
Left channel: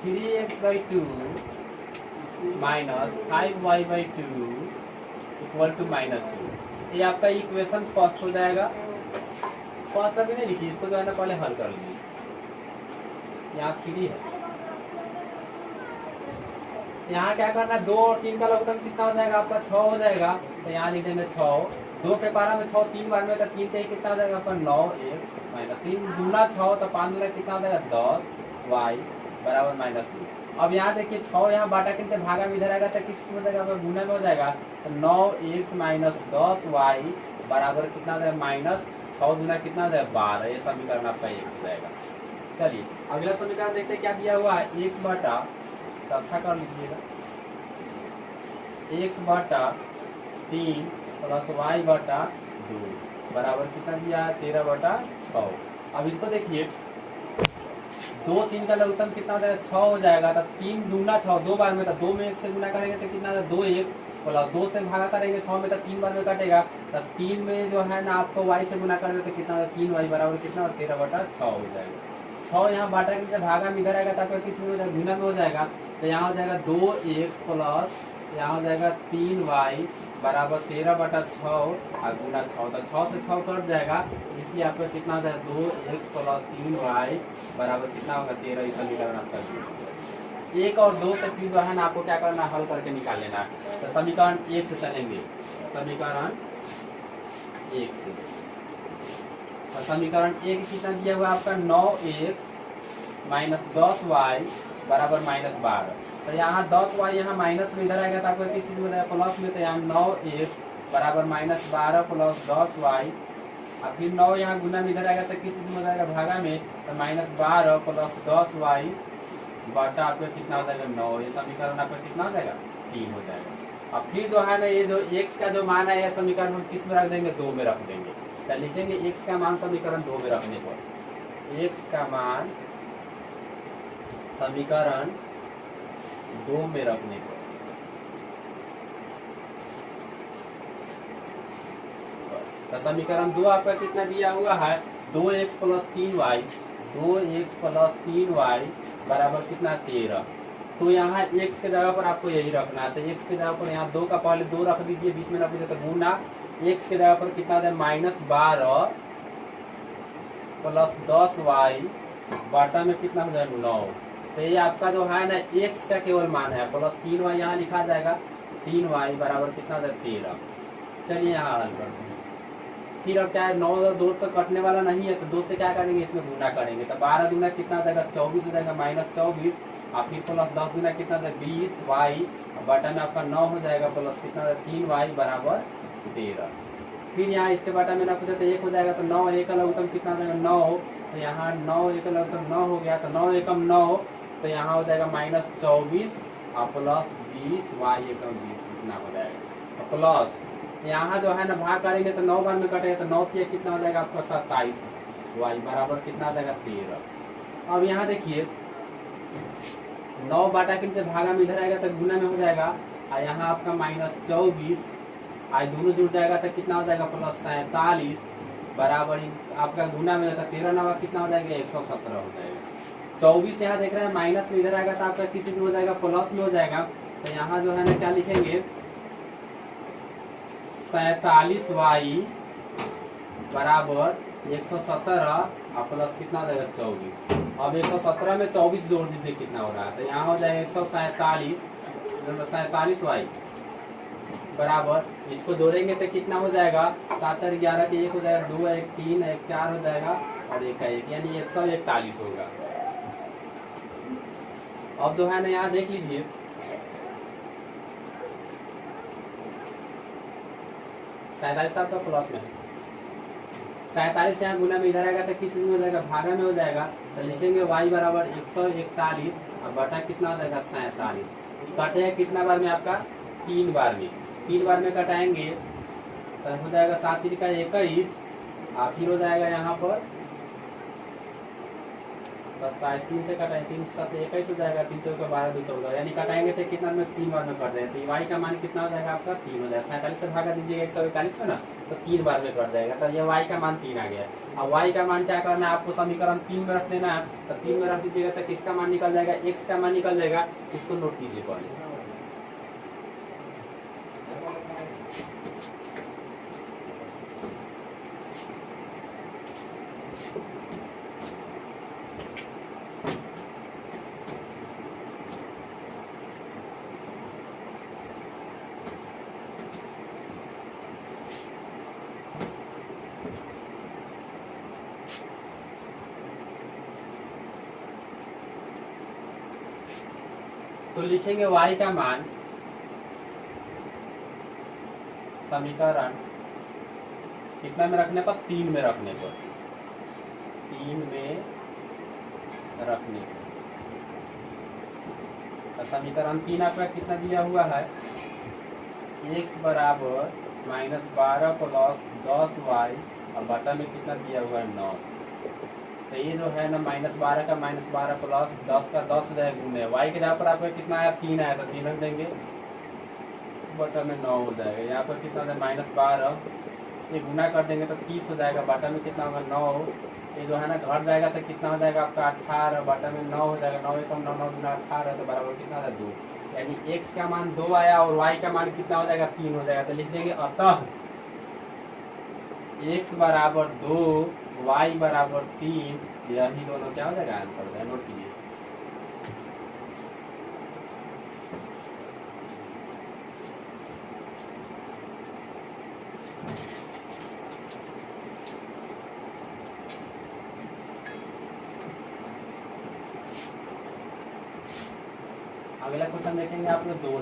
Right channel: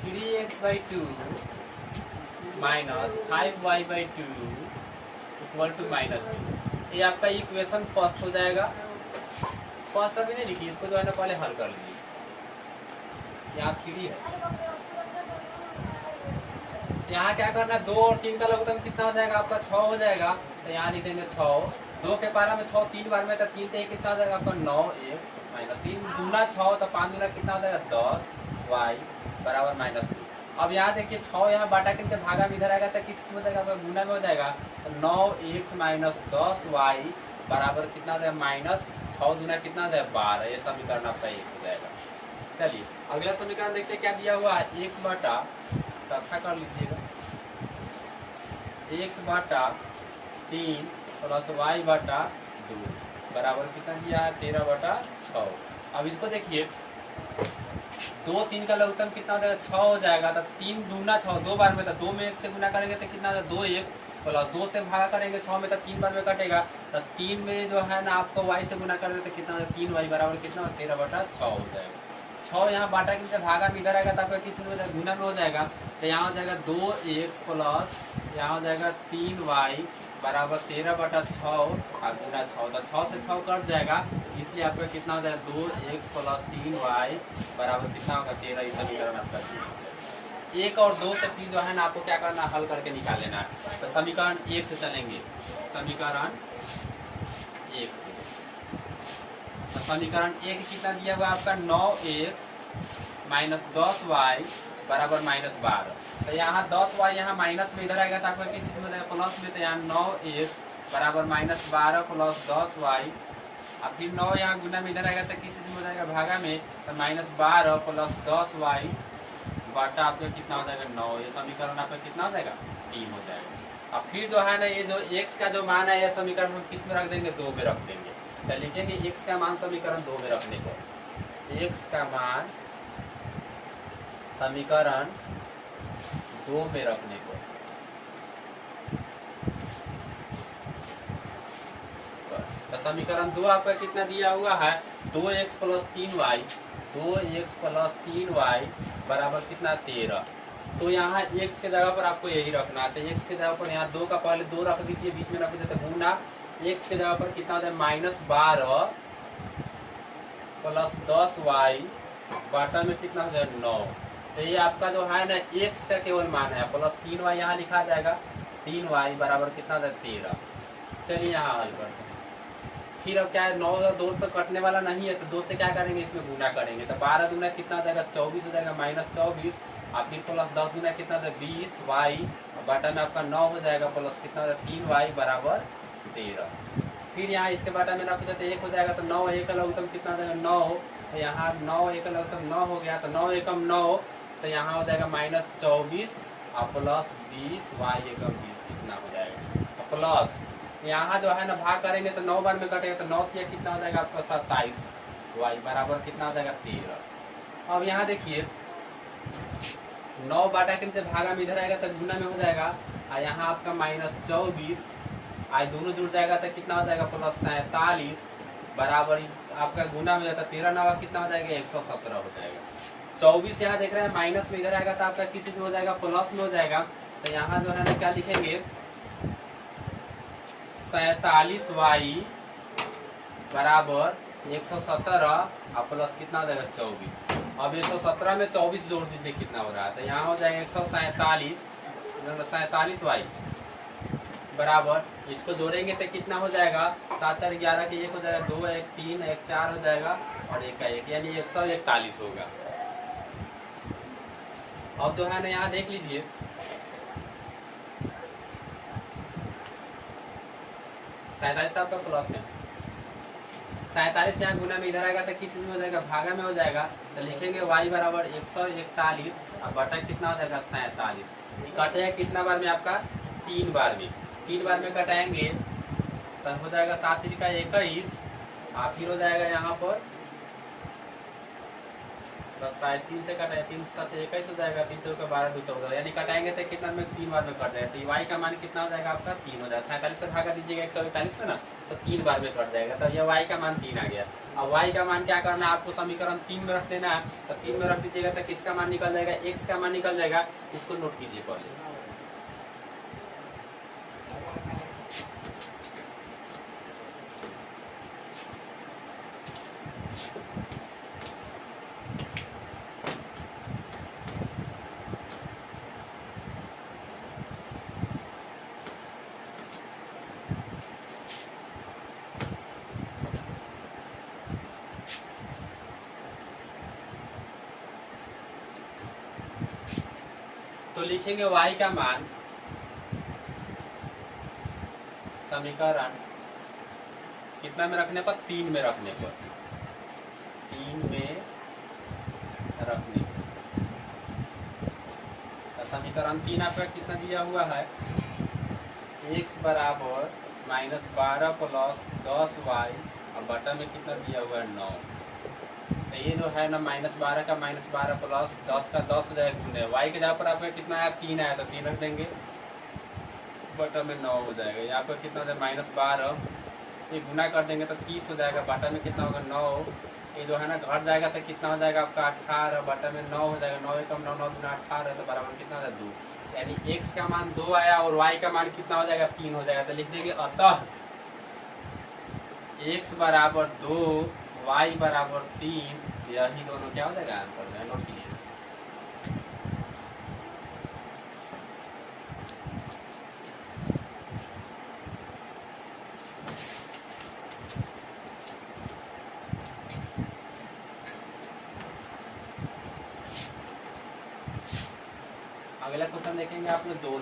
3x/2 minus 5y/2 equal to -2। ये आपका इक्वेशन फर्स्ट हो जाएगा। फर्स्ट अभी नहीं लिखी, इसको जो है ना पहले हल कर लीजिए। यहाँ 3 है, यहाँ क्या करना, 2 और 3 का लघुत्तम कितना हो जाएगा आपका 6 हो जाएगा। तो यहाँ लिखेंगे 6, 2 के पारा में 6 3 बार में, तो 3 से कितना हो जाएगा आपका 9, 1 -3 दूना 6, तो 5 दूना कितना हो जाएगा 10 y बराबर -2। अब यहाँ देखिए 6 यहाँ बाटा के नीचे भागा में इधर आएगा तो किस में जाएगा, गुना में हो जाएगा। तो 9x - 10y बराबर कितना हो जाएगा -6 दूना कितना हो जाएगा 12। ये समीकरण आपका 1 हो जाएगा। चलिए अगला समीकरण देखते हैं क्या दिया हुआ है, x बटा, तो अच्छा कर लीजिएगा, x बटा 3 प्लस y बटा 2 बराबर कितना दिया है 13/6। अब इसको देखिए दो 3 का लघुत्तम कितना हो जाएगा 6 हो जाएगा। तो 3 दूना 6 दो बार में, तो 2 में 1 से गुना करेंगे तो कितना 2 1 प्लस 2 से भागा करेंगे 6 में, तो 3 बार में कटेगा। तो 3 में जो है ना आपको y से गुना करेंगे तो कितना 3y बराबर कितना 13/6 हो जाएगा। 6 यहाँ बांटा के नीचे भागा में इधर आएगा तो आपका किस में हो जाएगा गुना में हो जाएगा। तो यहाँ हो जाएगा 2x प्लस यहाँ हो जाएगा 3y बराबर 13/6 और गुना 6। तो 6 से 6 कट जाएगा, इसलिए आपका कितना हो जाएगा 2x प्लस 3y बराबर कितना होगा 13। ये समीकरण आपका 1 और 2 से फिर जो है ना आपको क्या करना हल करके निकाल लेना है। तो समीकरण 1 से चलेंगे, समीकरण 1 से। तो समीकरण 1 कितना दिया हुआ आपका 9x माइनस 10y बराबर -12। तो यहाँ 10y यहाँ माइनस में इधर आएगा तो आपको किस चीज में जाएगा प्लस में। तो यहाँ 9x बराबर -12 प्लस 10y, अब फिर 9 यहाँ गुना में इधर आएगा तो किस चीज में जाएगा भागा में। तो -12 प्लस 10y बटा आपका कितना हो जाएगा 9। ये समीकरण आपका कितना हो जाएगा 3 हो जाएगा। अब फिर जो है ना ये जो x का जो मान है ये समीकरण हम किस में रख देंगे 2 में रख देंगे। तो लिखेंगे x का मान समीकरण 2 में रखने को, x का मान समीकरण 2 में रखने को। तो समीकरण 2 आपका कितना दिया हुआ है 2x plus 3y, 2x plus 3y बराबर कितना 13। तो यहाँ x के जगह पर आपको यही रखना है। तो x के जगह पर यहाँ 2 का पहले 2 रख दीजिए, बीच में रख दीजिए। तो गुना x के जगह पर कितना हो जाए -12 प्लस 10y बाटा में कितना हो जाएगा 9। तो ये आपका जो है ना x का केवल मान है, प्लस 3y यहाँ लिखा जाएगा, 3y बराबर कितना हो जाएगा 13। चलिए यहाँ हल करते हैं। फिर अब क्या है 9 और 2 तो कटने वाला नहीं है, तो 2 से क्या करेंगे इसमें गुना करेंगे। तो 12 दूना कितना हो जाएगा 24 हो जाएगा -24, और फिर प्लस 10 दूना कितना हो जाएगा 20y बाटा में आपका 9 हो जाएगा, प्लस कितना हो जाएगा 3y बराबर 13। फिर यहाँ इसके बाटा में 9 तो 1 हो जाएगा। तो 9 1 का लघुत्तम कितना हो जाएगा 9। तो यहाँ 9 1 का लघुत्तम 9 हो गया। तो 9 एकम 9, तो यहाँ हो जाएगा -24 और प्लस 20y एकम 20 इतना हो जाएगा। तो प्लस यहाँ जो है ना भाग करेंगे तो 9 बार में कटेगा। तो 9 किया कितना हो जाएगा आपका 27 y बराबर कितना हो जाएगा 13। अब यहाँ देखिए 9 बाटा के नीचे भागा में इधर आएगा तो गुना में हो जाएगा, और यहाँ आपका -24 आज दोनों जुड़ जाएगा तो कितना हो जाएगा प्लस 47 बराबर आपका गुना में होता है 13 9 कितना हो जाएगा 117 हो जाएगा। 24 यहाँ देख रहे हैं माइनस में इधर आएगा तो आपका किसी में हो जाएगा प्लस में हो जाएगा। तो यहाँ जो है ना क्या लिखेंगे 47y बराबर 117 और प्लस कितना हो जाएगा 24। अब 117 में 24 जोड़ दीजिए कितना हो रहा है। तो यहाँ हो जाएगा 147y बराबर, इसको जोड़ेंगे तो कितना हो जाएगा 7 4 11 के 1 हो जाएगा, 2 1 3 1 4 हो जाएगा और 1 का 1 यानी 141 होगा। अब जो है ना यहाँ देख लीजिए 47 आपका प्लस में 47 यहाँ गुना में इधर आएगा तो किस में हो जाएगा भागा में हो जाएगा। तो लिखेंगे y बराबर 141 और बटा कितना हो जाएगा 47। कटेगा कितना बार में आपका 3 बार में, 3 बार में कटाएंगे तो हो जाएगा 7 3 का 21 और फिर हो जाएगा यहाँ पर 27 3 से कटाए 3 7 21 हो जाएगा, 3 4 का 12 2 14 यानी कटाएंगे तो कितना में 3 बार में कट जाएगा। तो y का मान कितना हो जाएगा आपका 3 हो जाएगा। 47 से भागा दीजिएगा 141 में ना तो 3 बार में कट जाएगा। तो ये y का मान 3 आ गया। अब y का मान क्या करना है आपको समीकरण 3 में रख देना है। तो 3 में रख दीजिएगा तो किसका मान निकल जाएगा x का मान निकल जाएगा। इसको नोट कीजिए पहले। तो लिखेंगे y का मान समीकरण कितना में रखने पर 3 में रखने पर 3 में रखने पर। तो समीकरण 3 आपका कितना दिया हुआ है x बराबर -12 प्लस 10y और बटा में कितना दिया हुआ है 9। तो ये जो है ना -12 का -12 प्लस 10 का 10 हो जाएगा गुने वाई के जगह पर आपका कितना आया 3 आया तो 3 रख देंगे बटा में 9 हो जाएगा। यहाँ पर कितना हो जाएगा -12 ये गुना कर देंगे तो 30 हो जाएगा बटा में कितना होगा 9 ये जो है ना घट जाएगा तो कितना हो जाएगा आपका 18 बटा में 9 हो जाएगा 9 एकम 9 9 गुना 18 तो बराबर कितना हो जाएगा 2 यानी x का मान 2 आया और y का मान कितना हो जाएगा 3 हो जाएगा। तो लिख देंगे अतः x बराबर 2 y बराबर 3 यही दोनों क्या हो जाएगा आंसर हो जाएगा। नोट कीजिए। अगला क्वेश्चन देखेंगे आप लोग 2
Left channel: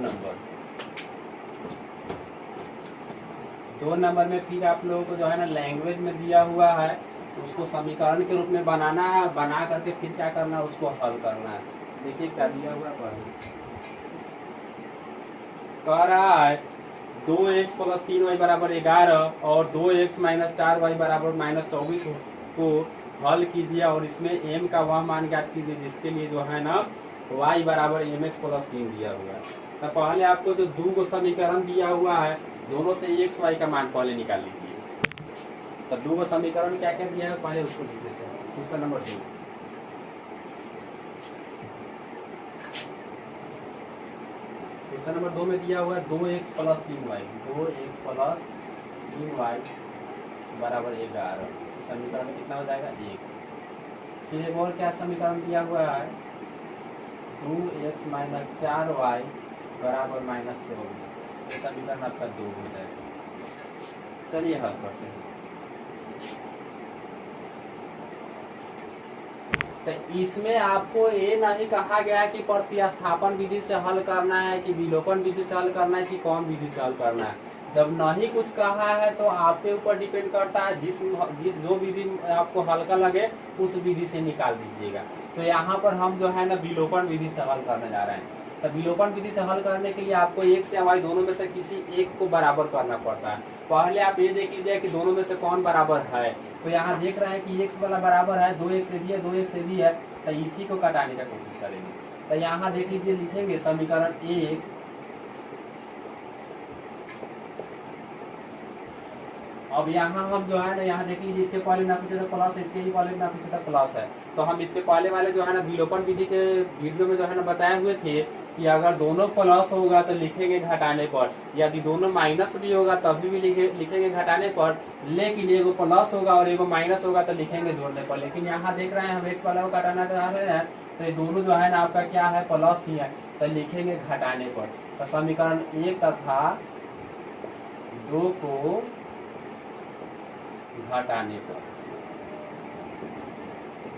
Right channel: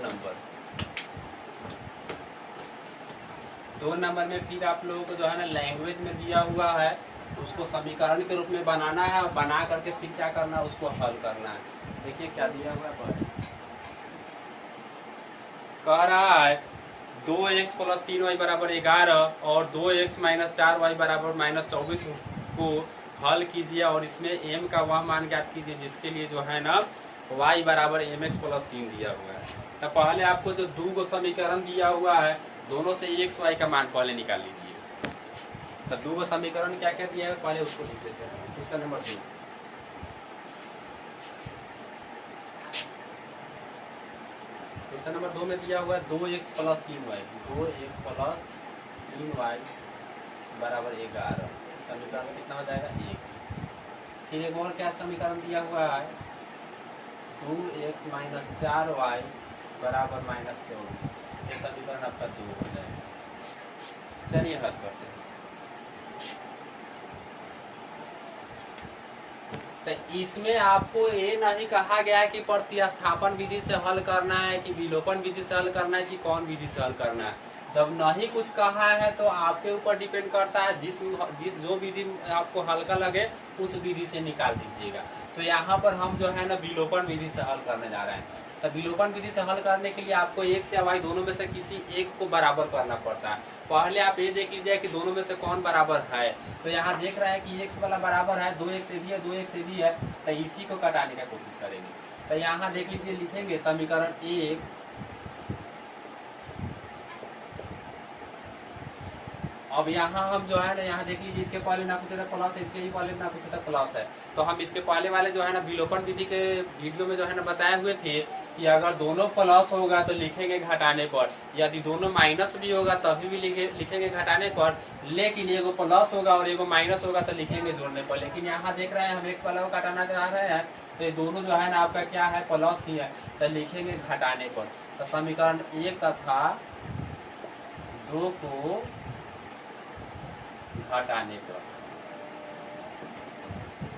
नंबर में फिर आप लोगों को जो है ना लैंग्वेज में दिया हुआ है उसको समीकरण के रूप में बनाना है और बना करके फिर क्या करना है उसको हल करना है। देखिए क्या दिया हुआ है कह रहा है 2x प्लस 3y बराबर 11 और 2x माइनस 4y बराबर -24 को हल कीजिए और इसमें m का वह मान ज्ञात कीजिए जिसके लिए जो है ना y बराबर mx प्लस 3 दिया हुआ है। तो पहले आपको जो 2 समीकरण दिया हुआ है दोनों से x y का मान पहले निकाल लीजिए। तो 2 समीकरण क्या क्या दिया है पहले उसको लिख लेते हैं। क्वेश्चन नंबर 2 क्वेश्चन नंबर 2 में दिया हुआ है 2x plus 3y 2x plus 3y बराबर 11 समीकरण में कितना हो जाएगा 1। फिर एक और क्या समीकरण दिया हुआ है 2x माइनस 4y बराबर -24 ये समीकरण आपका 2 हो जाएगा। चलिए हल करते हैं। तो इसमें आपको ये नहीं कहा गया है कि प्रतिस्थापन विधि से हल करना है कि विलोपन विधि से हल करना है कि कौन विधि से हल करना है। जब नहीं कुछ कहा है तो आपके ऊपर डिपेंड करता है जिस जो विधि आपको हल्का लगे उस विधि से निकाल दीजिएगा। तो यहाँ पर हम जो है ना विलोपन विधि से हल करने जा रहे हैं। तो विलोपन विधि से हल करने के लिए आपको x या y दोनों में से किसी एक को बराबर करना पड़ता है। पहले आप ये देख लीजिए कि दोनों में से कौन बराबर है। तो यहाँ देख रहे हैं कि x वाला बराबर है 2x से भी है 2x से भी है तो इसी को घटाने का कोशिश करेंगे। तो यहाँ देख लीजिए लिखेंगे समीकरण 1 अब यहाँ हम जो है ना यहाँ देख लीजिए इसके पहले ना कुछ था प्लस है इसके ही पहले ना कुछ था प्लस है। तो हम इसके पहले वाले जो है ना विलोपन विधि के वीडियो में जो है ना बताए हुए थे कि अगर दोनों प्लस होगा तो लिखेंगे घटाने पर, यदि दोनों माइनस भी होगा तभी भी लिखेंगे घटाने पर, लेकिन एगो प्लस होगा और एगो माइनस होगा तो लिखेंगे जोड़ने पर। लेकिन यहाँ देख रहे हैं हम एक्स वाला को घटाना चाह रहे हैं तो ये दोनों जो है ना आपका क्या है प्लस ही है तो लिखेंगे घटाने पर। तो समीकरण 1 तथा 2 को घटाने पर।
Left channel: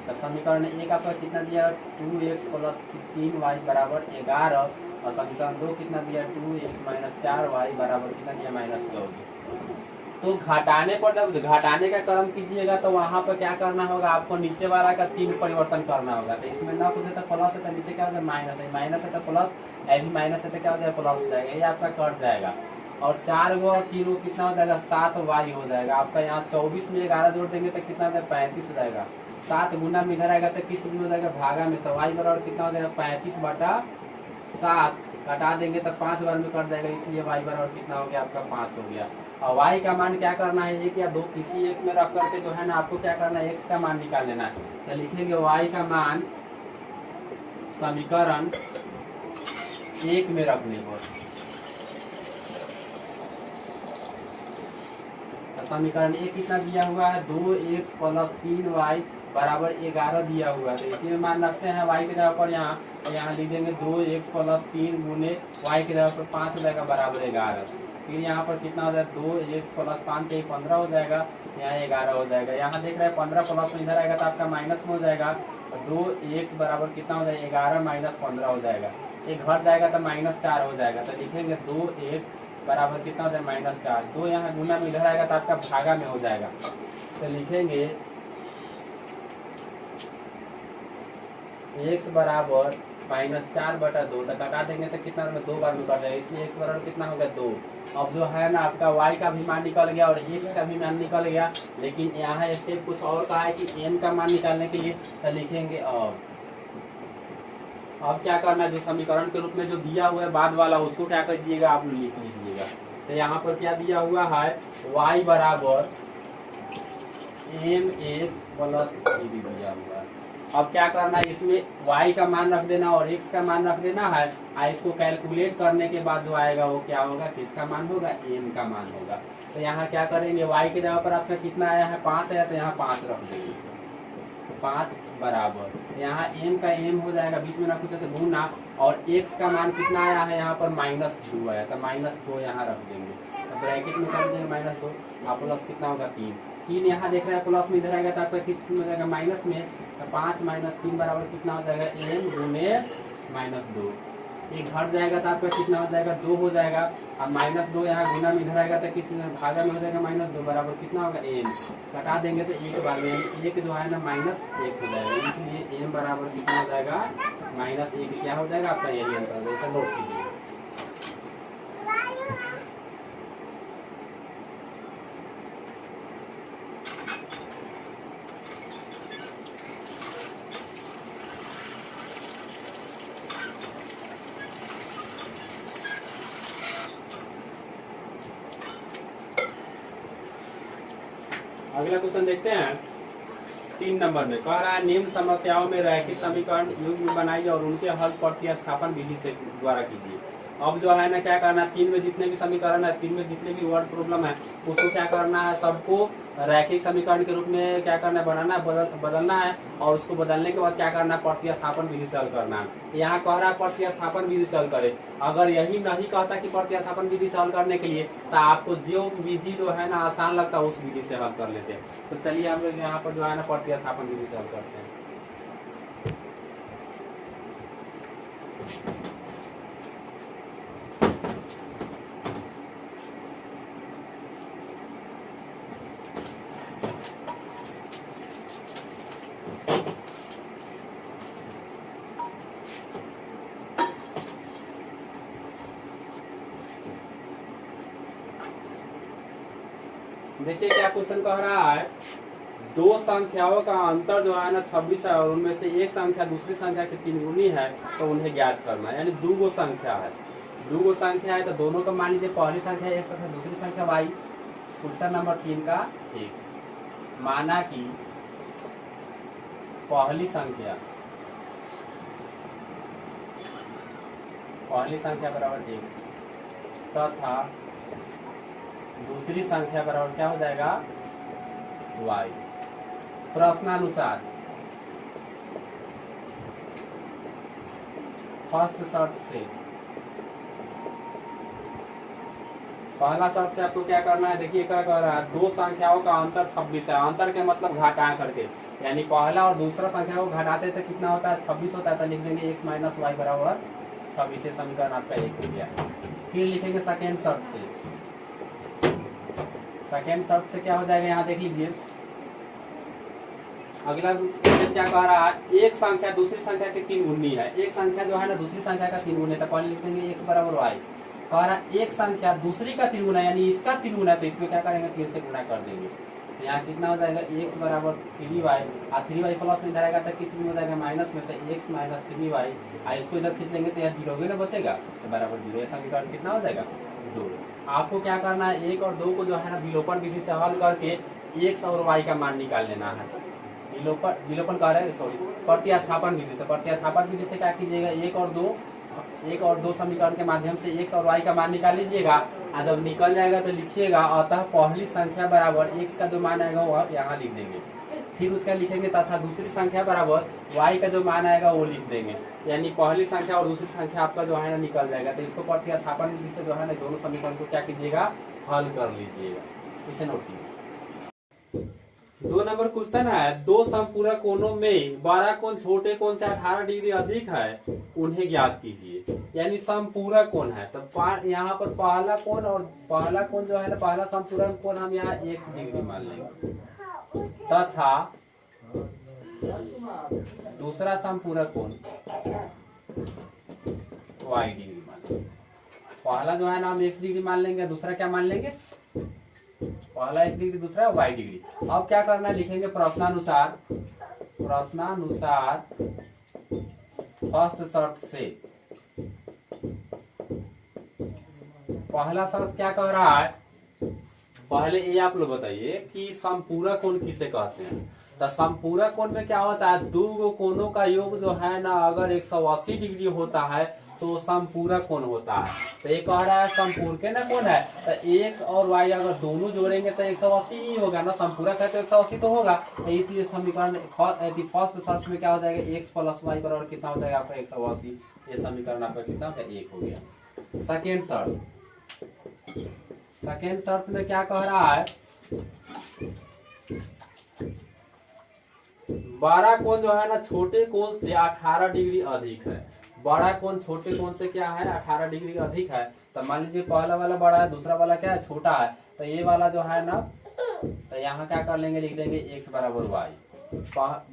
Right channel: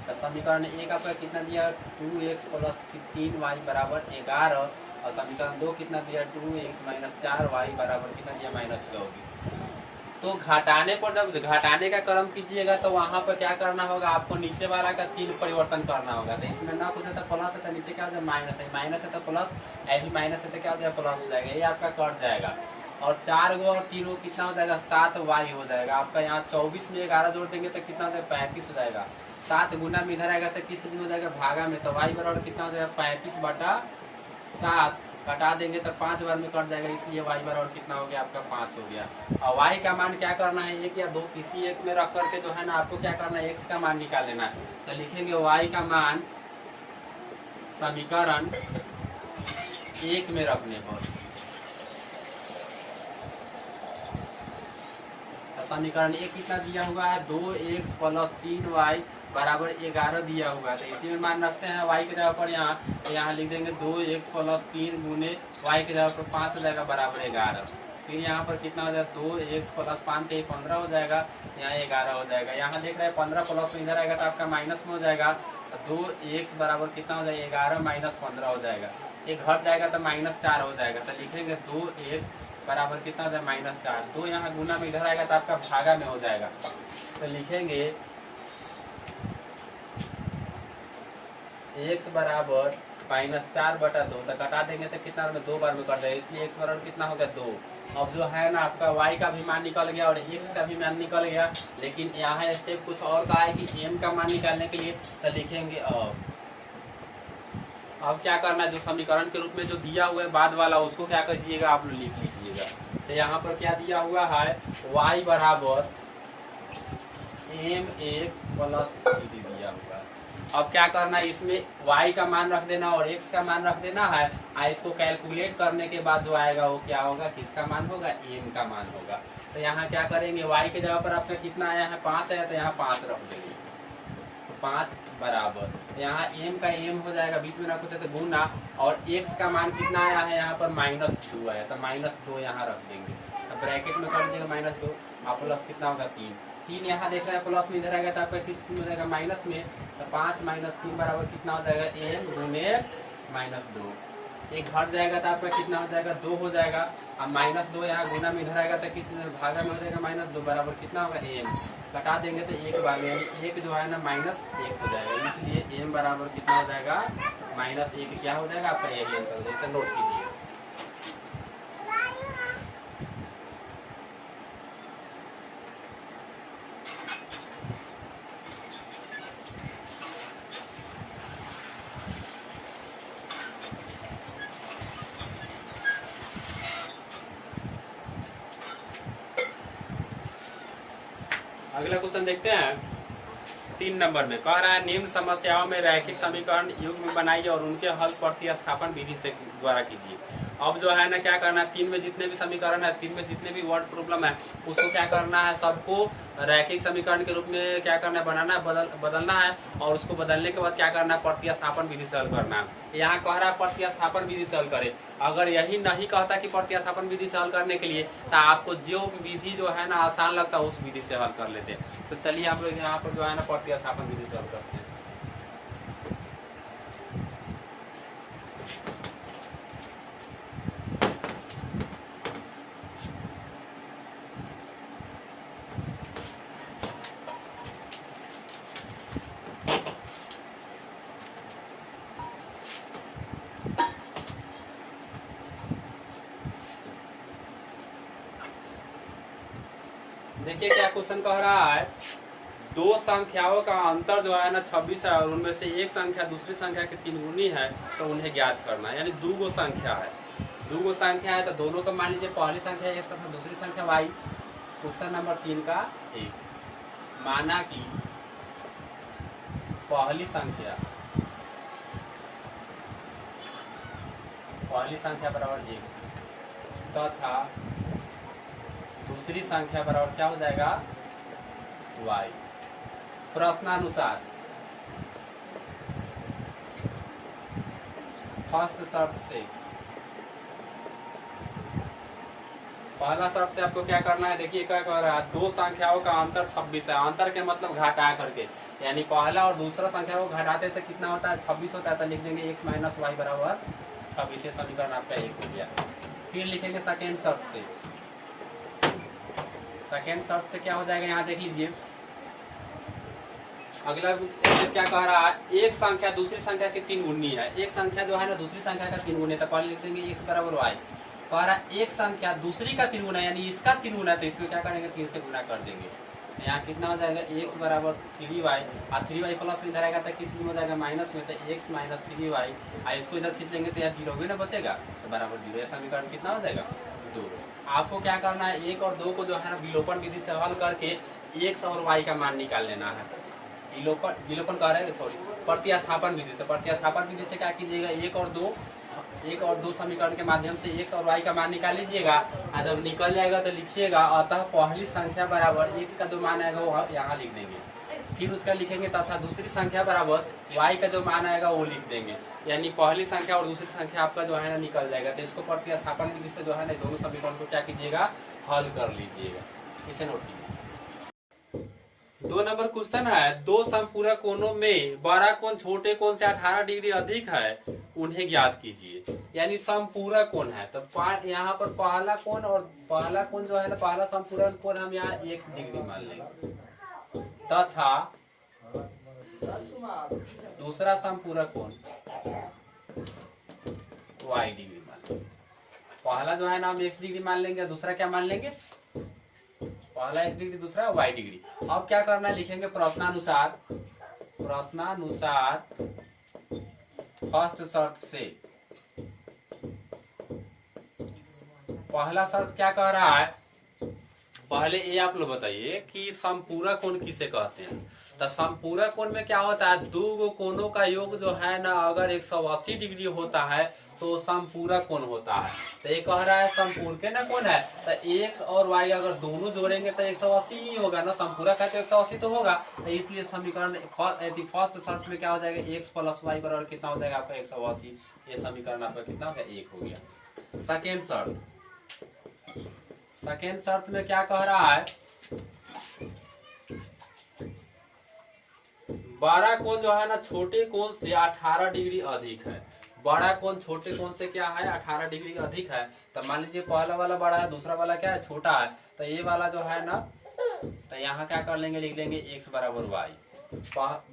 तो समीकरण 1 आपका कितना दिया 2x प्लस 3y बराबर 11 और समीकरण 2 कितना दिया 2x माइनस 4y बराबर कितना दिया -24। तो घटाने पर जब घटाने का क्रम कीजिएगा तो वहां पर क्या करना होगा आपको नीचे वाला का चिन्ह परिवर्तन करना होगा। तो इसमें ना कुछ है तो प्लस है तो नीचे क्या हो जाएगा माइनस है, माइनस है तो प्लस, ऐसी माइनस है तो क्या हो जाएगा प्लस हो जाएगा, ये आपका कट जाएगा। और 4 गो और 3 गो कितना हो जाएगा 7y हो जाएगा आपका। यहाँ 24 में 11 जोड़ देंगे तो कितना हो जाएगा 35 हो जाएगा। 7 गुना में इधर आएगा तो किस दिन हो जाएगा भागा में, तो y बराबर कितना हो जाएगा 35/7 घटा देंगे तो 5 बार में कट जाएगा, इसलिए y बराबर कितना हो गया आपका 5 हो गया। और y का मान क्या करना है 1 या 2 किसी एक में रख करके जो है ना आपको क्या करना है x का मान निकाल लेना है। तो लिखेंगे y का मान समीकरण 1 में रखने पर। समीकरण 1 कितना दिया हुआ है 2x प्लस 3y बराबर 11 दिया हुआ है। तो इसी में मान रखते हैं y की जगह पर यहाँ लिख देंगे 2x प्लस 3 गुने y की जगह पर 5 हो जाएगा बराबर 11। फिर यहाँ पर कितना हो जाएगा 2x प्लस 5 के 15 हो जाएगा, यहाँ 11 हो जाएगा। यहाँ देख रहे हैं 15 प्लस में इधर आएगा तो आपका माइनस में हो जाएगा। तो 2x बराबर कितना हो जाएगा 11 माइनस 15 हो जाएगा, एक घट जाएगा तो -4 हो जाएगा। तो लिखेंगे 2x बराबर कितना हो जाएगा -4, 2 यहाँ गुना में इधर आएगा तो आपका भागा में हो जाएगा। तो लिखेंगे x बराबर -4/2, तो घटा देंगे तो कितना में 2 बार में कट जाएगा, इसलिए x बराबर कितना हो गया 2। अब जो है ना आपका y का भी मान निकल गया और x का भी मान निकल गया, लेकिन यहाँ स्टेप कुछ और कहा है कि n का मान निकालने के लिए, तो लिखेंगे अब क्या करना है, जो समीकरण के रूप में जो दिया हुआ है बाद वाला, उसको क्या कर दीजिएगा आप लिख लीजिएगा। तो यहाँ पर क्या दिया हुआ है, y बराबर mx प्लस 3 दिया हुआ है। अब क्या करना है, इसमें y का मान रख देना और x का मान रख देना है। इसको कैलकुलेट करने के बाद जो आएगा वो क्या होगा, किसका मान होगा, m का मान होगा। तो यहाँ क्या करेंगे, y के जगह पर आपका कितना आया है 5 आया, तो यहाँ 5 रख देंगे, 5 बराबर यहाँ m का m हो जाएगा, बीच में रखो तो गुना, और x का मान कितना आया है यहाँ पर -2 आया, तो -2 यहाँ रख देंगे। तो ब्रैकेट में कर देंगे -2 और प्लस कितना होगा 3 यहाँ देख रहे हैं प्लस में इधर आएगा तो आपका किस में हो जाएगा माइनस में, तो 5 - 3 बराबर कितना हो जाएगा m गुने -2, एक घट जाएगा तो आपका कितना हो जाएगा 2 हो जाएगा। अब -2 यहाँ गुना में इधर आएगा तो किस भागा में हो जाएगा -2 बराबर कितना होगा m, घटा देंगे तो एक बार में एक जो है ना -1 हो जाएगा, इसलिए m बराबर कितना हो जाएगा -1 क्या हो जाएगा आपका, यही आंसर है, इसे नोट कीजिए। अगला क्वेश्चन देखते हैं 3 नंबर में, कह रहा है निम्न समस्याओं में रैखिक समीकरण युग्म बनाइए और उनके हल प्रतिस्थापन विधि से द्वारा कीजिए। अब जो है ना क्या करना है, 3 में जितने भी समीकरण है, 3 में जितने भी वर्ड प्रॉब्लम है, उसको क्या करना है, सबको रैखिक समीकरण के रूप में क्या करना है, बनाना है, बदलना है, और उसको बदलने के बाद क्या करना है, प्रतिस्थापन विधि से हल करना है। यहाँ कह रहा है प्रतिस्थापन विधि से हल करे, अगर यही नहीं कहता कि प्रतिस्थापन विधि से हल करने के लिए, तो आपको जो विधि जो है ना आसान लगता है उस विधि से हल कर लेते हैं। तो चलिए हम लोग यहाँ पर जो है ना प्रतिस्थापन विधि से हल करते हैं। देखिए क्या क्वेश्चन कह रहा है, दो संख्याओं का अंतर जो है ना 26 है और उनमें से एक संख्या दूसरी संख्या के 3 गुनी है, तो उन्हें ज्ञात करना है। यानी दो गो संख्या है, तो दोनों का मान लीजिए पहली संख्या x तथा दूसरी संख्या y। क्वेश्चन नंबर 3 का 1, माना कि पहली संख्या बराबर x तथा दूसरी संख्या बराबर क्या हो जाएगा y। प्रश्नानुसार फर्स्ट शर्त से, पहला शर्त से आपको क्या करना है, देखिए क्या कह रहा है, दो संख्याओं का अंतर 26 है, अंतर के मतलब घटा करके, यानी पहला और दूसरा संख्या को घटाते तो कितना होता है 26 होता है, तो लिख देंगे x - y बराबर 26। समीकरण आपका 1 हो गया। फिर लिखेंगे सेकेंड शर्त से, सेकेंड शर्त से क्या हो जाएगा, यहाँ देख लीजिए अगला क्या कह रहा है, एक संख्या दूसरी संख्या के 3 गुनी है, एक संख्या जो है ना दूसरी संख्या का 3 गुना है, तो पहले लिख देंगे x बराबर y। कह रहा है एक संख्या दूसरी का 3 गुना यानी इसका 3 गुना, तो इसमें क्या करेंगे 3 से गुना कर देंगे। यहाँ कितना हो जाएगा x बराबर 3y, और 3y प्लस में इधर आएगा तो किस में हो जाएगा माइनस में, तो x - 3y, इसको इधर खींच देंगे तो यहाँ 0 भी ना बचेगा, तो बराबर 0। समीकरण कितना हो जाएगा 2। आपको क्या करना है, 1 और 2 को जो है ना विलोपन विधि से हल करके x और y का मान निकाल लेना है। विलोपन कह रहे हैं, सॉरी, प्रतिस्थापन विधि से। प्रतिस्थापन विधि से क्या कीजिएगा, 1 और 2 समीकरण के माध्यम से x और y का मान निकाल लीजिएगा, और जब निकल जाएगा तो लिखिएगा अतः पहली संख्या बराबर x का जो मान आएगा वो यहाँ लिख देंगे। फिर उसका लिखेंगे तथा दूसरी संख्या बराबर y का जो मान आएगा वो लिख देंगे, यानी पहली संख्या और दूसरी संख्या आपका जो है ना निकल जाएगा। तो इसको प्रतिस्थापन विधि से जो है ना दोनों समीकरण को क्या कीजिएगा, हल कर लीजिएगा। इसे नोट कीजिए। 2 नंबर क्वेश्चन है, दो समपूरक कोणों में बड़ा कोण छोटे कोण से 18 डिग्री अधिक है, उन्हें ज्ञात कीजिए। यानी समपूरक कोण है, तो यहाँ पर पहला कोण जो है ना, पहला समपूरक कोण हम यहाँ 1 डिग्री मान लेंगे, तथा दूसरा समपूरक कोण वाई डिग्री मान लेंगे। पहला जो है ना हम x डिग्री मान लेंगे, दूसरा क्या मान लेंगे, पहला x डिग्री, दूसरा y डिग्री। अब क्या करना है, लिखेंगे प्रश्नानुसार फर्स्ट शर्त से। पहला शर्त क्या कह रहा है, पहले ये आप लोग बताइए कि समपूरक कोण किसे कहते हैं। तो समपूरक कोण में क्या होता है, दो कोणों का योग जो है ना अगर 180 डिग्री होता है तो समपूरक कोण होता है। तो ये कह रहा है समपूरक ना कोण है, तो x और y अगर दोनों जोड़ेंगे तो 180 ही होगा ना, समपूरक है तो 180 तो होगा। तो इसलिए समीकरण फर्स्ट शर्त में क्या हो जाएगा, x प्लस वाई बराबर कितना हो जाएगा आपका 180। ये समीकरण आपका कितना होगा, 1 हो गया। सेकेंड शर्त में क्या कह रहा है, बड़ा कोण जो है ना छोटे कोण से 18 डिग्री अधिक है। बड़ा कोण छोटे कोण से क्या है, 18 डिग्री अधिक है। तो मान लीजिए पहला वाला बड़ा है, दूसरा वाला क्या है, छोटा है। तो ये वाला जो है ना, तो यहाँ क्या कर लेंगे, लिख लेंगे x बराबर y।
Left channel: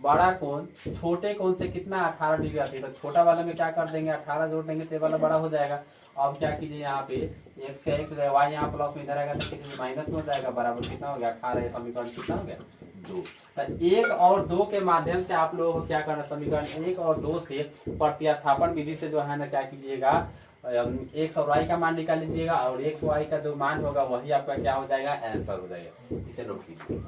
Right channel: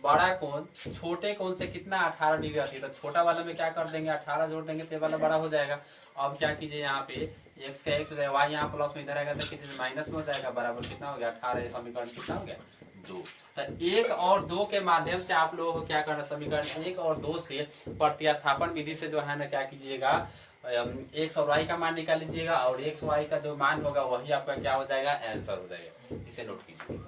बड़ा कोण छोटे कोण से कितना, 18 डिग्री अधिक। तो छोटा वाला में क्या कर देंगे, 18 जोड़ देंगे तो ये वाला बड़ा हो जाएगा। अब क्या कीजिए, यहाँ पे x का x हो जाएगा, y यहाँ प्लस में इधर आएगा तो किसी माइनस में हो जाएगा, बराबर कितना हो गया 18। समीकरण कितना हो गया, 2। तो 1 और 2 के माध्यम से आप लोगों को क्या करना, समीकरण 1 और 2 से प्रतिस्थापन विधि से जो है ना क्या कीजिएगा, x और y का मान निकाल लीजिएगा और x y का जो मान होगा वही आपका क्या हो जाएगा, आंसर हो जाएगा। इसे नोट कीजिए।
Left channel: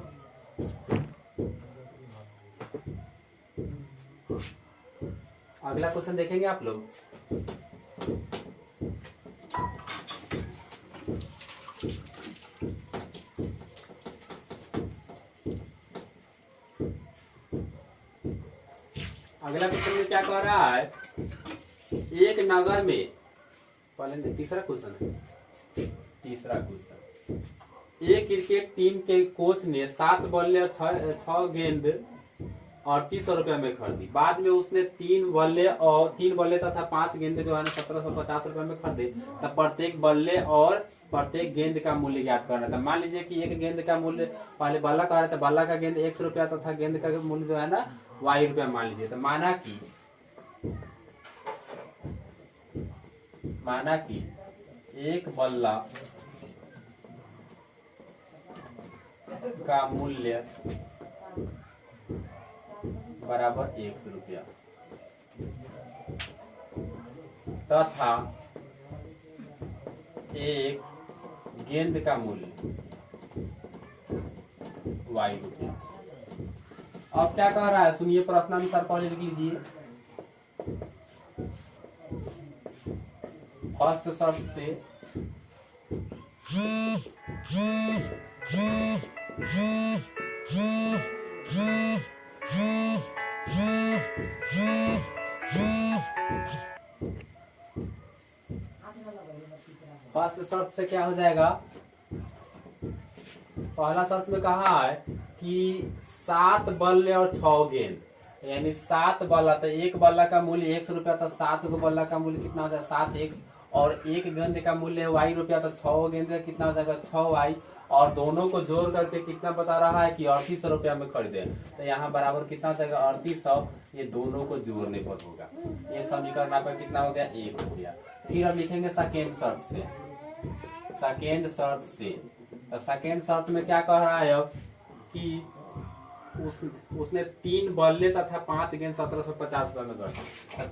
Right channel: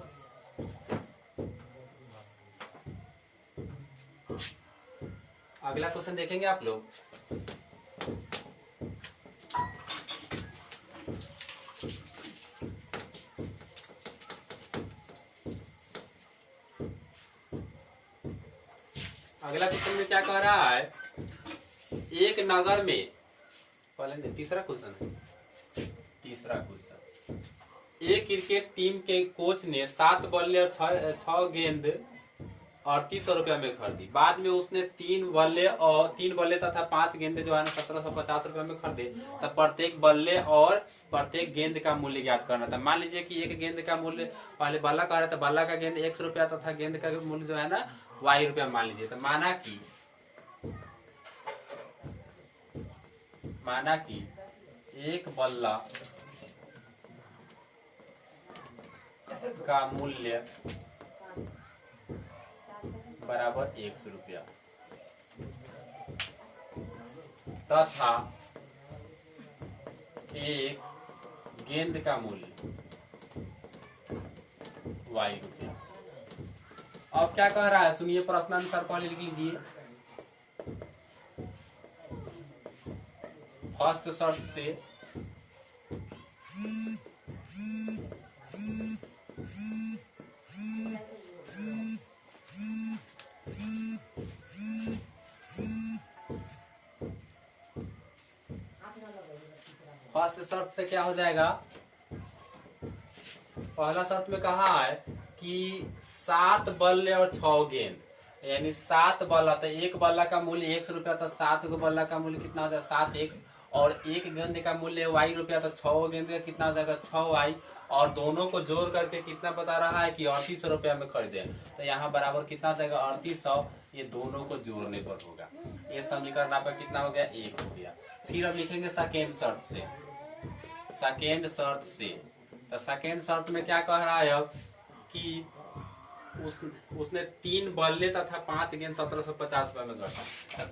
अगला क्वेश्चन देखेंगे आप लोग। अगला क्वेश्चन में क्या कह रहा है, एक नगर में, पहले तीसरा क्वेश्चन, एक क्रिकेट टीम के कोच ने 7 बल्ले और 6 गेंद 3800 रुपया में खरीदी। बाद में उसने 3 बल्ले तथा 5 गेंदे जो है ना 1750 रुपया में खरीदे। तब प्रत्येक बल्ले और प्रत्येक गेंद का मूल्य ज्ञात करना था। मान लीजिए कि एक गेंद का मूल्य, पहले बल्ला कह रहा था, बल्ला का गेंद 100 रुपया तथा गेंद का मूल्य जो है ना y रुपया मान लीजिए। तो माना कि एक बल्ला का मूल्य बराबर 100 रुपया तथा एक गेंद का मूल्य y रुपया। अब क्या कह रहा है, सुनिए प्रश्नानुसार पहले लिख लीजिए। फर्स्ट शर्त से क्या हो जाएगा, पहला शर्त में कहा है कि 7 बल्ले और 6 गेंद, यानी 7 बल्ला, तो एक बल्ला का मूल्य 100 रुपया, तो 7 को बल्ला का मूल्य कितना हो जाएगा 7x, और एक गेंद का मूल्य y रुपया, तो 6 गेंद का कितना हो जाएगा 6y, और दोनों को जोड़ करके कितना बता रहा है कि 3800 रुपया में खरीदे। तो यहाँ बराबर कितना हो जाएगा 3800, ये दोनों को जोड़ने पर होगा। ये समीकरण आपका कितना हो गया, 1 हो गया। फिर हम लिखेंगे सेकेंड शर्त से। तो सेकेंड शर्त में क्या कह रहा है अब कि उसने 3 बल्ले तथा 5 गेंद 1750 रुपए में खरीदा। तो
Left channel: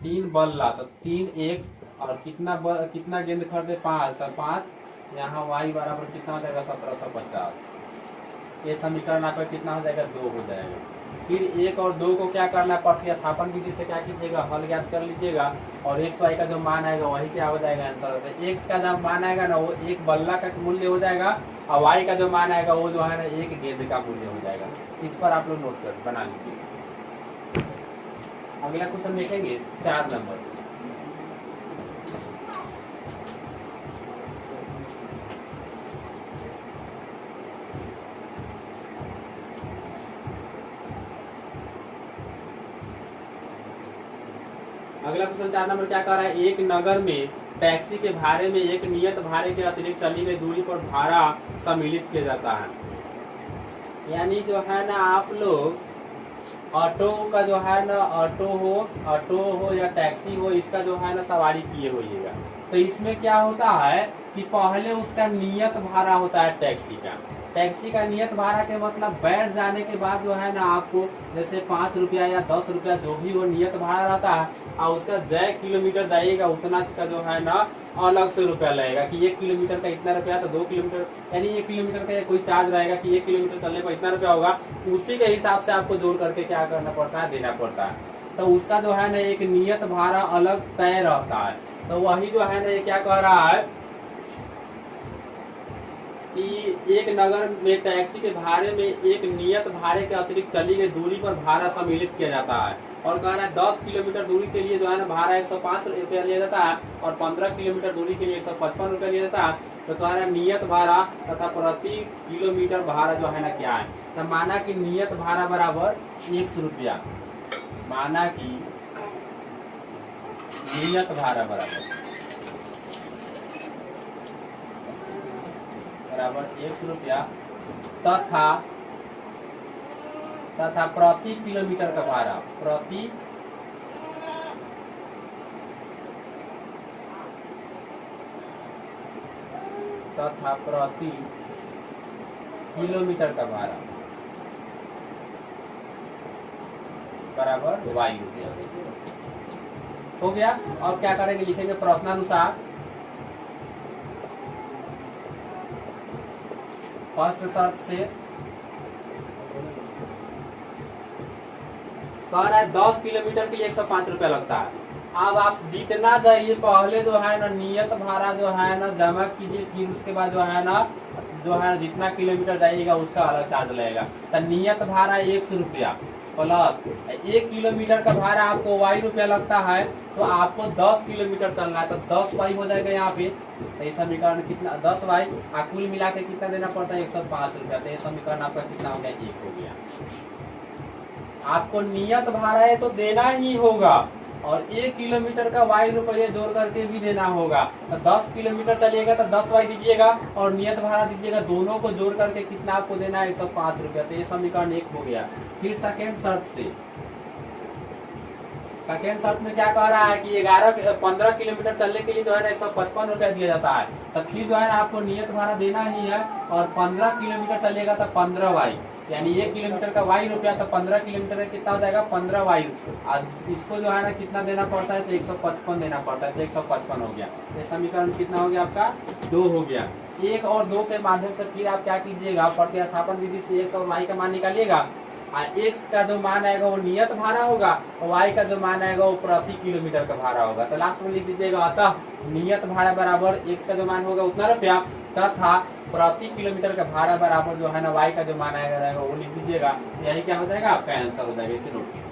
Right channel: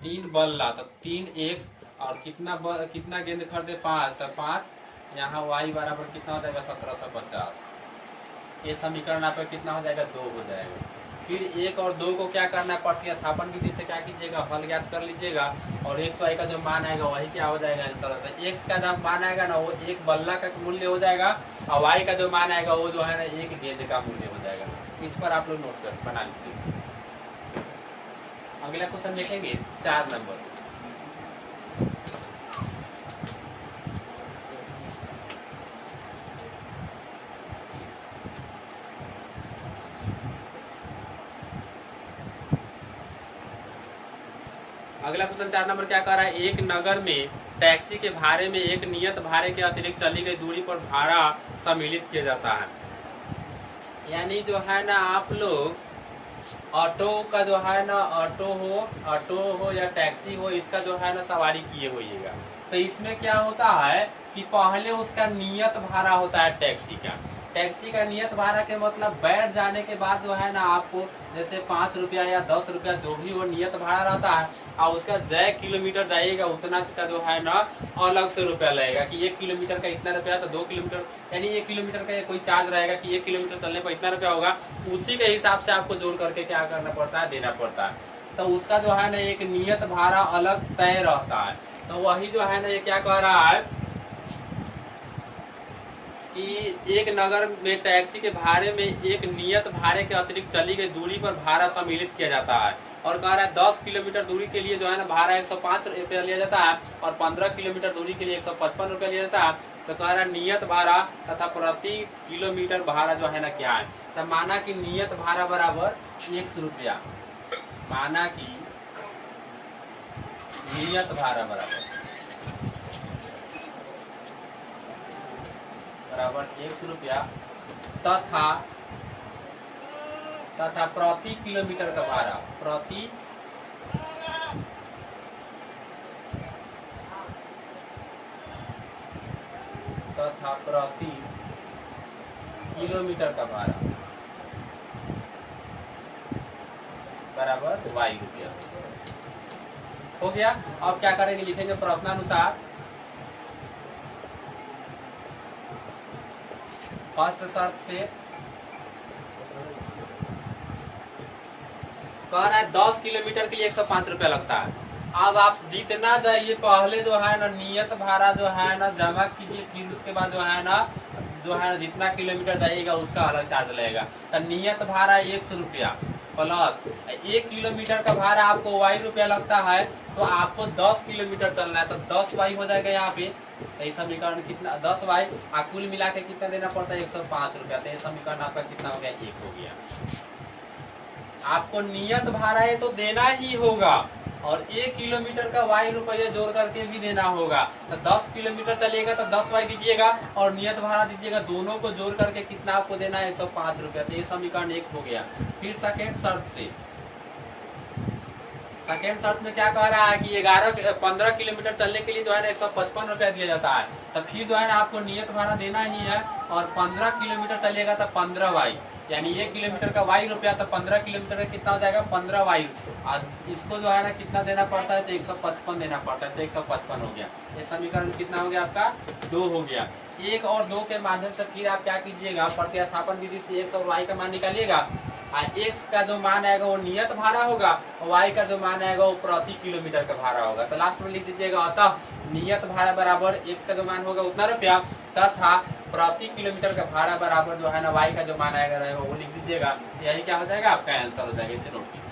3 बल्ला, तो 3x और कितना गेंद खरीदे 5, तो 5, यहाँ y बराबर कितना हो जाएगा 1750। ये समीकरण आपका कितना हो जाएगा, 2 हो जाएगा। फिर 1 और 2 को क्या करना है, प्रतिस्थापन विधि से क्या कीजिएगा, हल ज्ञात कर लीजिएगा, और x y का जो मान आएगा वही क्या हो जाएगा आंसर। तो x का जो मान आएगा ना वो एक बल्ला का मूल्य हो जाएगा, और y का जो मान आएगा वो जो है ना एक गेंद का मूल्य हो जाएगा। इस पर आप लोग नोट कर बना लीजिए। अगला क्वेश्चन देखेंगे 4 नंबर। अगला क्वेश्चन 4 नंबर क्या कह रहा है, एक नगर में टैक्सी के भाड़े में एक नियत भाड़े के अतिरिक्त चली गई दूरी पर भाड़ा सम्मिलित किया जाता है। यानी जो है ना आप लोग ऑटो का जो है ना, ऑटो हो या टैक्सी हो, इसका जो है ना सवारी किए होइएगा। तो इसमें क्या होता है कि पहले उसका नियत भाड़ा होता है टैक्सी का नियत भाड़ा के मतलब बैठ जाने के बाद जो है ना आपको जैसे 5 रुपया या 10 रुपया जो भी वो नियत भाड़ा रहता है, और उसका जय किलोमीटर जाइएगा उतना का जो है ना अलग से रुपया लगेगा कि 1 किलोमीटर का इतना रुपया, तो 2 किलोमीटर यानी 1 किलोमीटर का कोई चार्ज रहेगा कि 1 किलोमीटर चलने पर इतना रुपया होगा। उसी के हिसाब से आपको जोड़ करके क्या करना पड़ता है, देना पड़ता है। तो उसका जो है ना एक नियत भाड़ा अलग तय रहता है। तो वही जो है ना ये क्या कह रहा है कि एक नगर में टैक्सी के भाड़े में एक नियत भाड़े के अतिरिक्त चली गई दूरी पर भाड़ा सम्मिलित किया जाता है। और कह रहा है 10 किलोमीटर दूरी के लिए जो है ना भाड़ा 105 रुपया लिया जाता है, और 15 किलोमीटर दूरी के लिए 155 रुपया लिया जाता है। तो कह रहा है नियत भाड़ा तथा प्रति किलोमीटर भाड़ा जो है ना क्या है। तो माना कि नियत भाड़ा बराबर 100 रुपया, माना कि नियत भाड़ा बराबर 100 रुपया तथा प्रति किलोमीटर का भाड़ा प्रति किलोमीटर का भाड़ा बराबर y रुपया हो गया। अब क्या करेंगे, लिखेंगे प्रश्नानुसार फर्स्ट शर्त से कह रहा है 10 किलोमीटर के लिए 105 रुपया लगता है। अब आप जितना जाइए पहले जो है ना नियत भाड़ा जो है ना जमा कीजिए, फिर उसके बाद जो है ना जितना किलोमीटर जाइएगा उसका अलग चार्ज लगेगा। तो नियत भाड़ा 100 रुपया प्लस 1 किलोमीटर का भाड़ा आपको y रुपया लगता है। तो आपको 10 किलोमीटर चलना है तो 10y हो जाएगा यहाँ पे। तो ये समीकरण कितना 10y, कुल मिला के कितना देना पड़ता है 105 रुपया। तो ये समीकरण आपका कितना हो गया, 1 हो गया। आपको नियत भाड़ा है तो देना ही होगा, और 1 किलोमीटर का y रुपये जोड़ करके भी देना होगा। तो 10 किलोमीटर चलिएगा तो 10y दीजिएगा और नियत भाड़ा दीजिएगा, दोनों को जोड़ करके कितना आपको देना है 105 रुपया। तो ये समीकरण 1 हो गया। फिर सेकेंड शर्त में क्या कह रहा है कि 15 किलोमीटर चलने के लिए जो है ना 155 रुपया दिया जाता है। तो फिर जो है ना आपको नियत भाड़ा देना ही है, और 15 किलोमीटर चलेगा तो 15y, यानी 1 किलोमीटर का y रुपया, तो 15 किलोमीटर का कितना हो जाएगा 15y। इसको जो है ना कितना देना पड़ता है तो 155 देना पड़ता है। तो 155 हो गया। ये समीकरण कितना हो गया आपका, 2 हो गया। 1 और 2 के माध्यम से फिर आप क्या कीजिएगा, प्रतिस्थापन विधि से x और y का मान निकालिएगा। x का जो मान आएगा वो नियत भाड़ा होगा, और y का जो मान आएगा वो प्रति किलोमीटर का भाड़ा होगा। तो लास्ट में लिख दीजिएगा, अतः नियत भाड़ा बराबर x का जो मान होगा उतना रुपया तथा प्रति किलोमीटर का भाड़ा बराबर जो है ना y का जो मान आएगा रहेगा वो लिख दीजिएगा। यही क्या हो जाएगा, आपका आंसर हो जाएगा। इसे नोट कीजिए।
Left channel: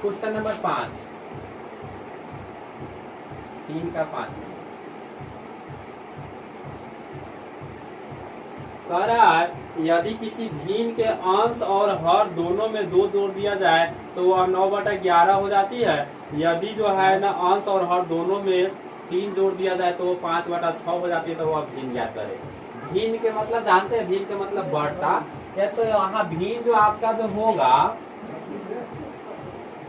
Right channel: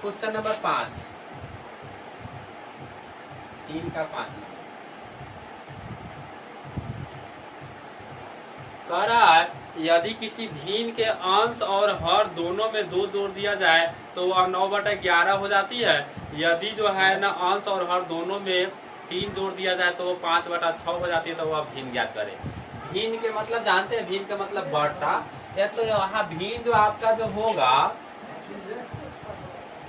क्वेश्चन नंबर 5, 3 का 5 कह रहा है यदि किसी भिन्न के अंश और हर दोनों में 2 जोड़ दिया जाए तो वह 9/11 हो जाती है। यदि जो है ना अंश और हर दोनों में 3 जोड़ दिया जाए तो वो 5/6 हो जाती है। तो वह भिन्न ज्ञात करे। भिन्न के मतलब जानते हैं, भिन्न का मतलब बढ़ता है। तो यहाँ भिन्न जो आपका जो होगा,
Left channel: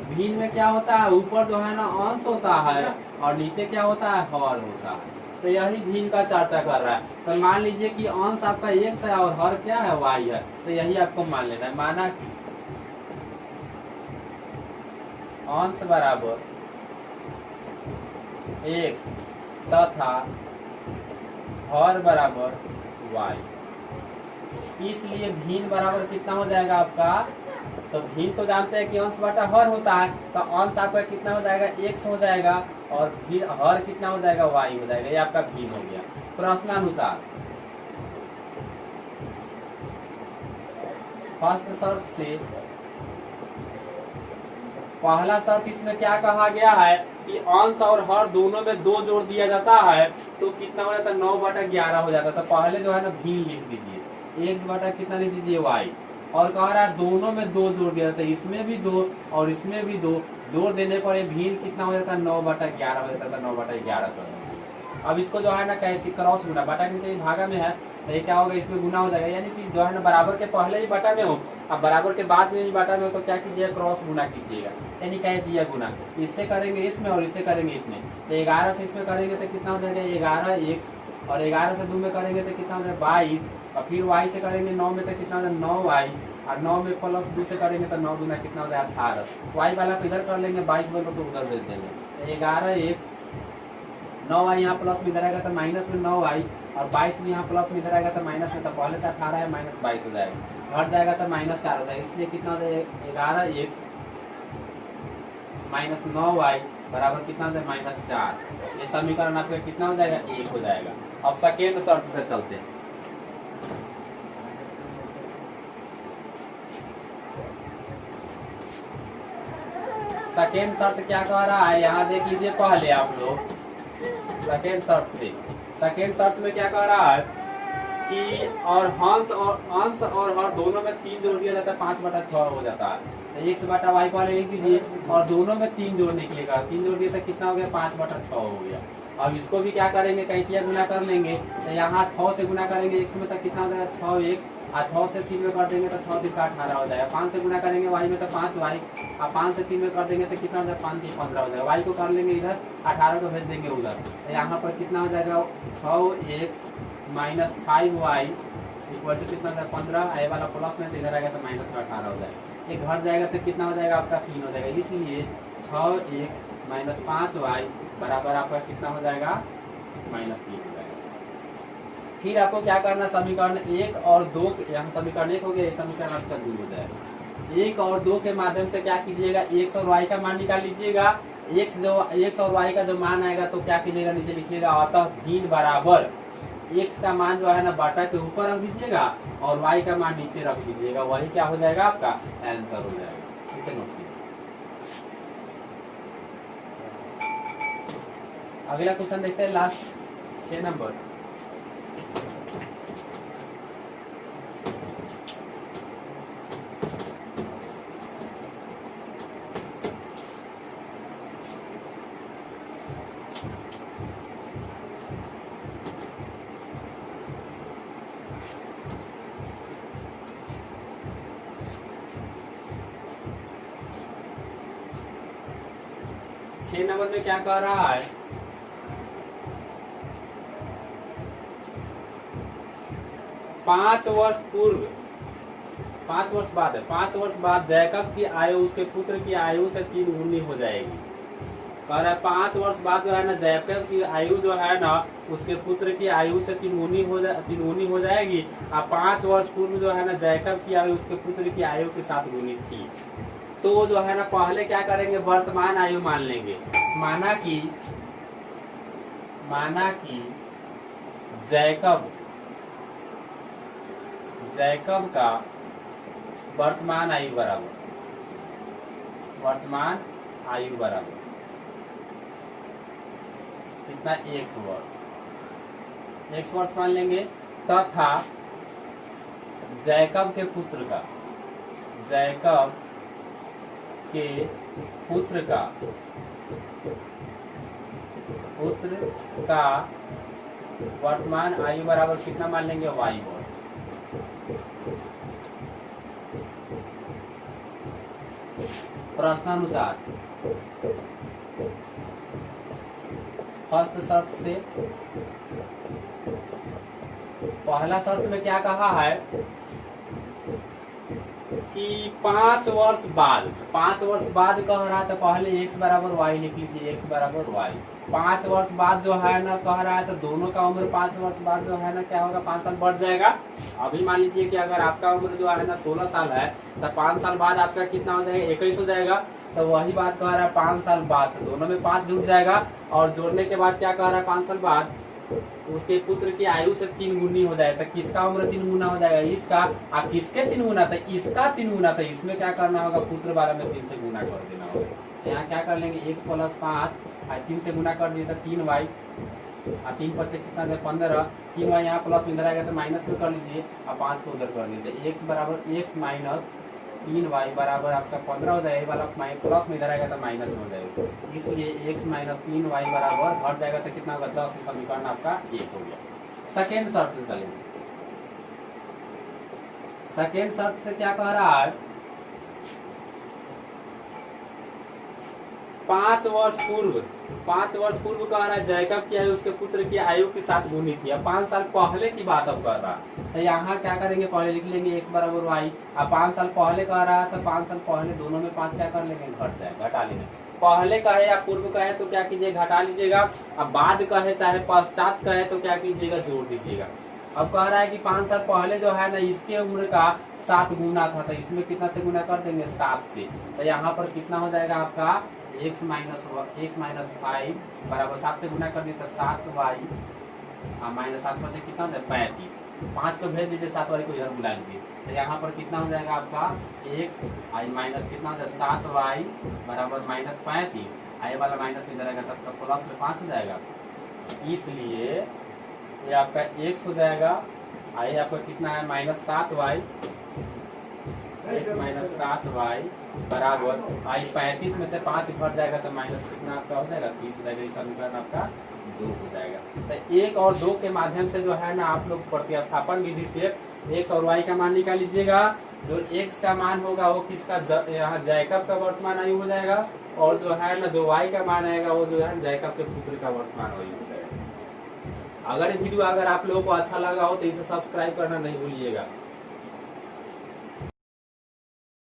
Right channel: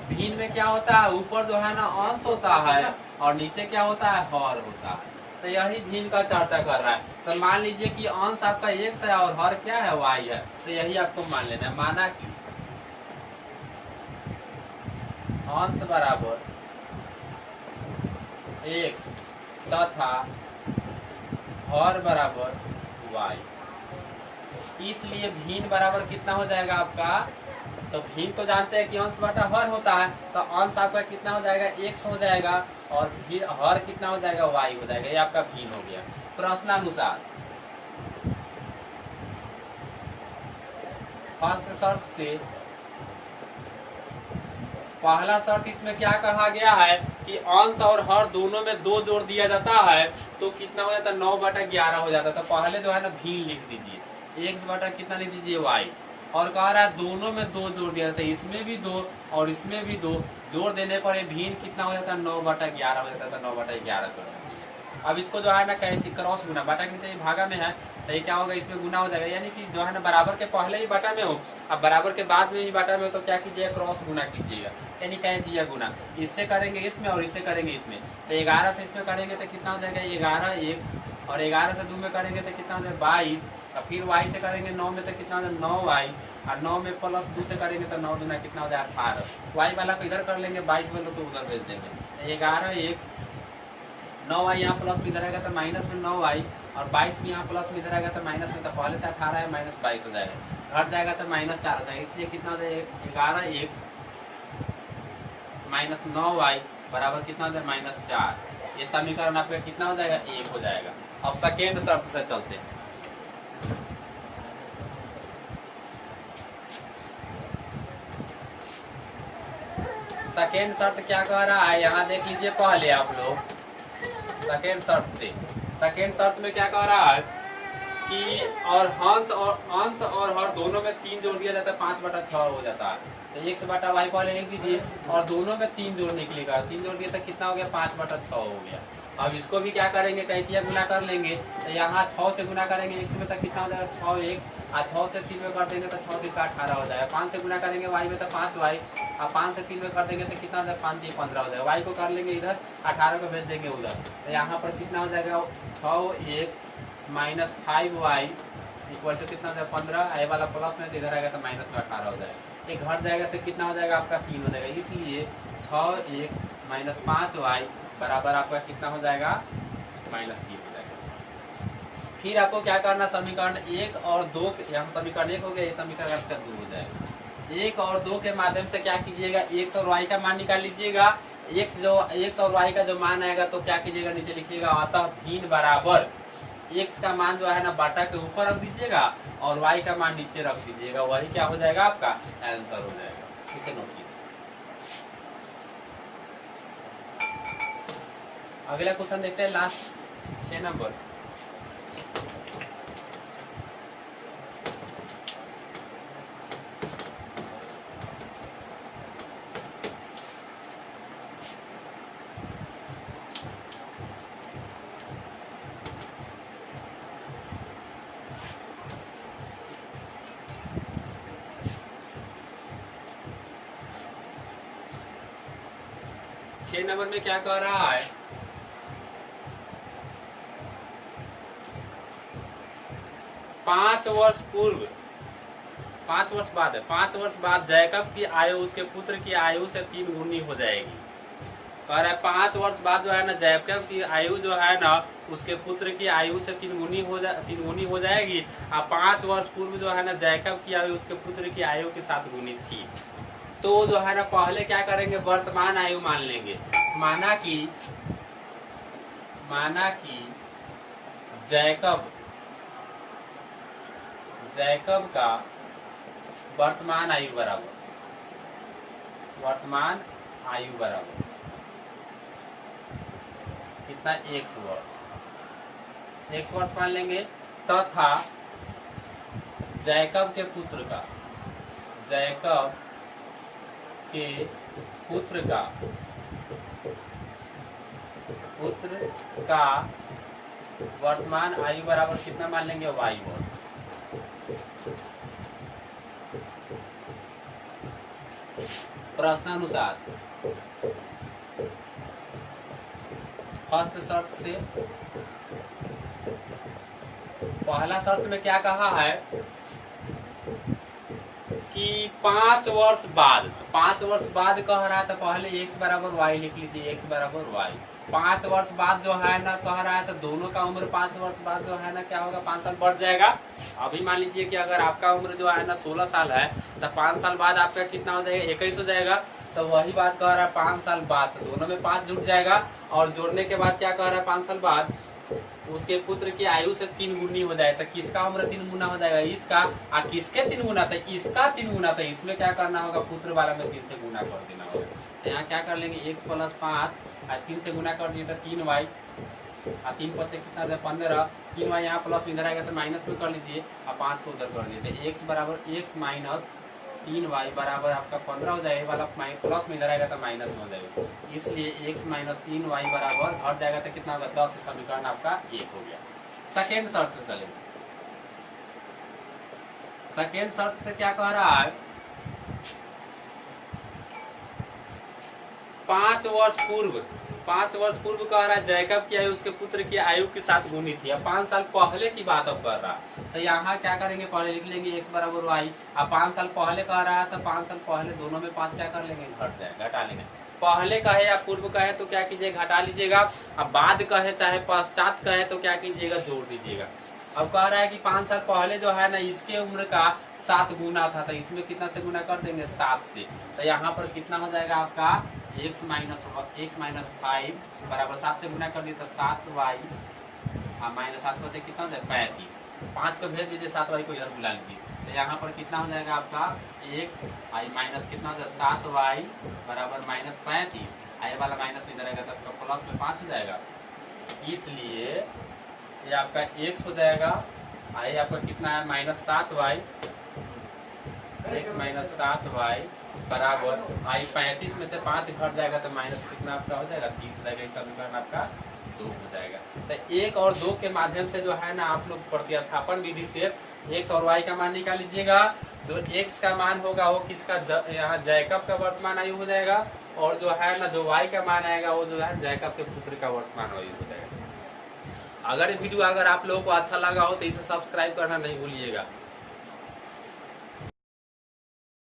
भिन्न में क्या होता है, ऊपर जो है ना अंश होता है और नीचे क्या होता है, हर होता है। तो यही भिन्न का चर्चा कर रहा है। तो मान लीजिए कि अंश आपका x है और हर क्या है, y है। तो यही आपको मान लेना है। माना कि अंश बराबर x तथा हर बराबर y, इसलिए भिन्न बराबर कितना हो जाएगा आपका, तो भिन्न तो जानते हैं कि अंश बटा हर होता है। तो अंश आपका कितना हो जाएगा, x हो जाएगा, और फिर हर कितना हो जाएगा, y हो जाएगा। ये आपका भिन्न हो गया। प्रश्नानुसार फर्स्ट शर्त से पहला शर्त इसमें क्या कहा गया है कि अंश और हर दोनों में 2 जोड़ दिया जाता है तो कितना हो जाता है, 9/11 हो जाता है। तो पहले जो है ना भिन्न लिख दीजिए, x बटा कितना लिख दीजिए, y। और कह रहा है दोनों में 2 जोड़ दिया जाता है, इसमें भी 2 और इसमें भी 2, जोड़ देने पर ये भिन्न कितना हो जाता है 9/11 हो जाता है, 9/11 कर देंगे। अब इसको जो है ना कैसे क्रॉस गुना, बटा के नीचे भागा में है तो ये क्या होगा, इसमें गुना हो जाएगा, यानी कि जो है ना बराबर के पहले ही बटा में हो, अब बराबर के बाद में ही बटा में हो तो क्या कीजिएगा, क्रॉस गुना कीजिएगा, यानी कैसे यह गुना, इससे करेंगे इसमें और इससे करेंगे इसमें, तो 11 से इसमें करेंगे तो कितना हो जाएगा 11x, और 11 से 2 में करेंगे तो कितना हो जाएगा 22, और फिर y से करेंगे 9 में तो कितना हो जाएगा 9y, और 9 में प्लस 2 से करेंगे तो 9 गुना कितना हो जाएगा 18, y वाला को इधर कर लेंगे, 22 वाला तो उधर भेज देंगे, 11x 9y यहाँ प्लस में इधर आएगा तो माइनस में 9y, और 22 भी यहाँ प्लस में इधर आएगा तो माइनस में, तो पहले से 18 है माइनस 22 हो जाएगा, घट जाएगा तो -4 हो जाएगा, इसलिए कितना हो जाएगा 11x माइनस 9y बराबर कितना हो जाएगा -4। ये समीकरण आपका कितना हो जाएगा 1 हो जाएगा। अब सेकेंड शर्त से चलते हैं। सेकेंड शर्त क्या कह रहा है, यहाँ देख लीजिए पहले आप लोग सेकेंड शर्त में क्या कह रहा है कि और अंश और हर दोनों में 3 जोड़ दिया जाता है, 5/6 हो जाता है, तो x/y पहले लिख दीजिए, और दोनों में 3 जोड़ निकलेगा, 3 जोड़ दिया तो कितना हो गया 5/6 हो गया। अब इसको भी क्या करेंगे, कैसे गुना कर लेंगे, तो यहाँ 6 से गुना करेंगे x में तो कितना हो जाएगा 6x, और 6 से 3 में कर देंगे तो 6 3 18 हो जाएगा, 5 से गुना करेंगे y में तो 5y, और 5 से 3 में कर देंगे तो कितना हो जाएगा 5 3 15 हो जाएगा, y को कर लेंगे इधर, 18 को भेज देंगे उधर, तो यहाँ पर कितना हो जाएगा 6x minus 5y equal to कितना हो जाएगा 15, आई वाला प्लस में तो इधर आएगा तो माइनस में 18 हो जाएगा, ये घट जाएगा तो कितना हो जाएगा आपका 3 हो जाएगा, इसलिए 6x माइनस 5y बराबर आपका कितना हो जाएगा -3 हो जाएगा। फिर आपको क्या करना, समीकरण 1 और 2, यहाँ समीकरण 1 हो गया, समीकरण आपका 2 हो जाएगा। 1 और 2 के माध्यम से क्या कीजिएगा, x और y का मान निकाल लीजिएगा, x और y का जो मान आएगा तो क्या कीजिएगा नीचे लिखिएगा, अतः भिन्न बराबर x का मान जो है ना बाटा के ऊपर रख दीजिएगा और y का मान नीचे रख दीजिएगा, वही क्या हो जाएगा आपका आंसर हो जाएगा। इसे नोट कीजिए। अगला क्वेश्चन देखते हैं, लास्ट 6 नंबर। नंबर में क्या कह रहा है, पांच वर्ष बाद जैकब की आयु उसके पुत्र की आयु से 3 गुनी हो जाएगी। कह रहा है 5 वर्ष बाद जो है ना जैकब की आयु जो है ना उसके पुत्र की आयु से 3 गुनी हो जाएगी, और 5 वर्ष पूर्व जो है ना जैकब की आयु उसके पुत्र की आयु के साथ गुनी थी। तो जो है ना पहले क्या करेंगे, वर्तमान आयु मान लेंगे, माना कि जैकब का वर्तमान आयु बराबर कितना, 1 वर्ष मान लेंगे, तथा जैकब के पुत्र का वर्तमान आयु बराबर कितना मान लेंगे, y वर्ष। प्रश्नानुसार फर्स्ट शर्त से पहला शर्त में क्या कहा है कि 5 वर्ष बाद कह रहा है, तो पहले x बराबर y लिख लीजिए, x बराबर y। 5 वर्ष बाद जो है ना कह रहा है, तो दोनों का उम्र 5 वर्ष बाद जो है ना क्या होगा, 5 साल बढ़ जाएगा। अभी मान लीजिए कि अगर आपका उम्र जो है ना 16 साल है, तो 5 साल बाद आपका कितना हो जाएगा, 21 हो जाएगा। तो वही बात कह रहा है 5 साल बाद, तो दोनों में 5 जुड़ जाएगा, और जोड़ने के बाद क्या कह रहा है 5 साल बाद उसके पुत्र की आयु से 3 गुनी हो जाए, तो किसका उम्र 3 गुना हो जाएगा, इसका। और किसके 3 गुना, तो इसका 3 गुना, तो इसमें क्या करना होगा, पुत्र वाला में 3 से गुना कर देना होगा। तो यहाँ क्या कर लेंगे, x + 5 और 3 से गुना कर दिए तो 3y, और 3 5 से कितना 15, 3y यहाँ प्लस में इधर आएगा तो माइनस में कर लीजिए और 5 को उधर कर दीजिए। तो x बराबर x माइनस 3y बराबर आपका 15 हो जाएगा। ये वाला प्लस में इधर आएगा तो माइनस में हो जाएगा, इसलिए x माइनस 3y बराबर घट जाएगा तो कितना होगा 10 से समीकरण आपका 1 हो गया। सेकेंड शर्त से चलेंगे। सेकेंड शर्त से क्या कह रहा है, 5 वर्ष पूर्व कह रहा है जैकब की आयु उसके पुत्र की आयु के साथ गुनी थी। अब 5 साल पहले की बात अब कर रहा है, तो यहाँ क्या करेंगे, पहले लिख लेंगे x बराबर y। अब 5 साल पहले कह रहा है तो 5 साल पहले दोनों में 5 क्या कर लेंगे, घट जाएगा, घटा लेंगे। पहले कहे या पूर्व कहे तो क्या कीजिएगा, घटा लीजिएगा। अब बाद कहे चाहे पश्चात कहे तो क्या कीजिएगा, जोड़ दीजिएगा। अब कह रहा है कि 5 साल पहले जो है ना इसके उम्र का 7 गुना था, तो इसमें कितना से गुना कर देंगे, 7 से। तो यहाँ पर कितना हो जाएगा आपका x माइनस 5 बराबर 7 से गुना कर दिए तो 7y माइनस 7 से कितना हो जाएगा 35। 5 को भेज दीजिए, 7y को इधर बुला लीजिए। तो यहाँ पर कितना हो जाएगा आपका x माइनस कितना हो जाएगा 7y बराबर माइनस 35। आई वाला माइनस इधर आएगा तब प्लस में 5 हो जाएगा, इसलिए ये आपका x हो जाएगा। आई आपका कितना है minus 7y, x minus 7y बराबर आई 35 में से 5 घट जाएगा तो माइनस कितना आपका हो जाएगा 30 हो जाएगा। इस समीकरण आपका 2 हो जाएगा। तो 1 और 2 के माध्यम से जो है ना आप लोग प्रतिस्थापन विधि से x और y का मान निकाल लीजिएगा। जो x का मान होगा वो किसका, यहाँ जैकब का वर्तमान आयु हो जाएगा, और जो है ना जो y का मान आएगा वो जो है जैकब के पुत्र का वर्तमान आयु हो जाएगा। अगर वीडियो अगर आप लोगों को अच्छा लगा हो तो इसे सब्सक्राइब करना नहीं भूलिएगा।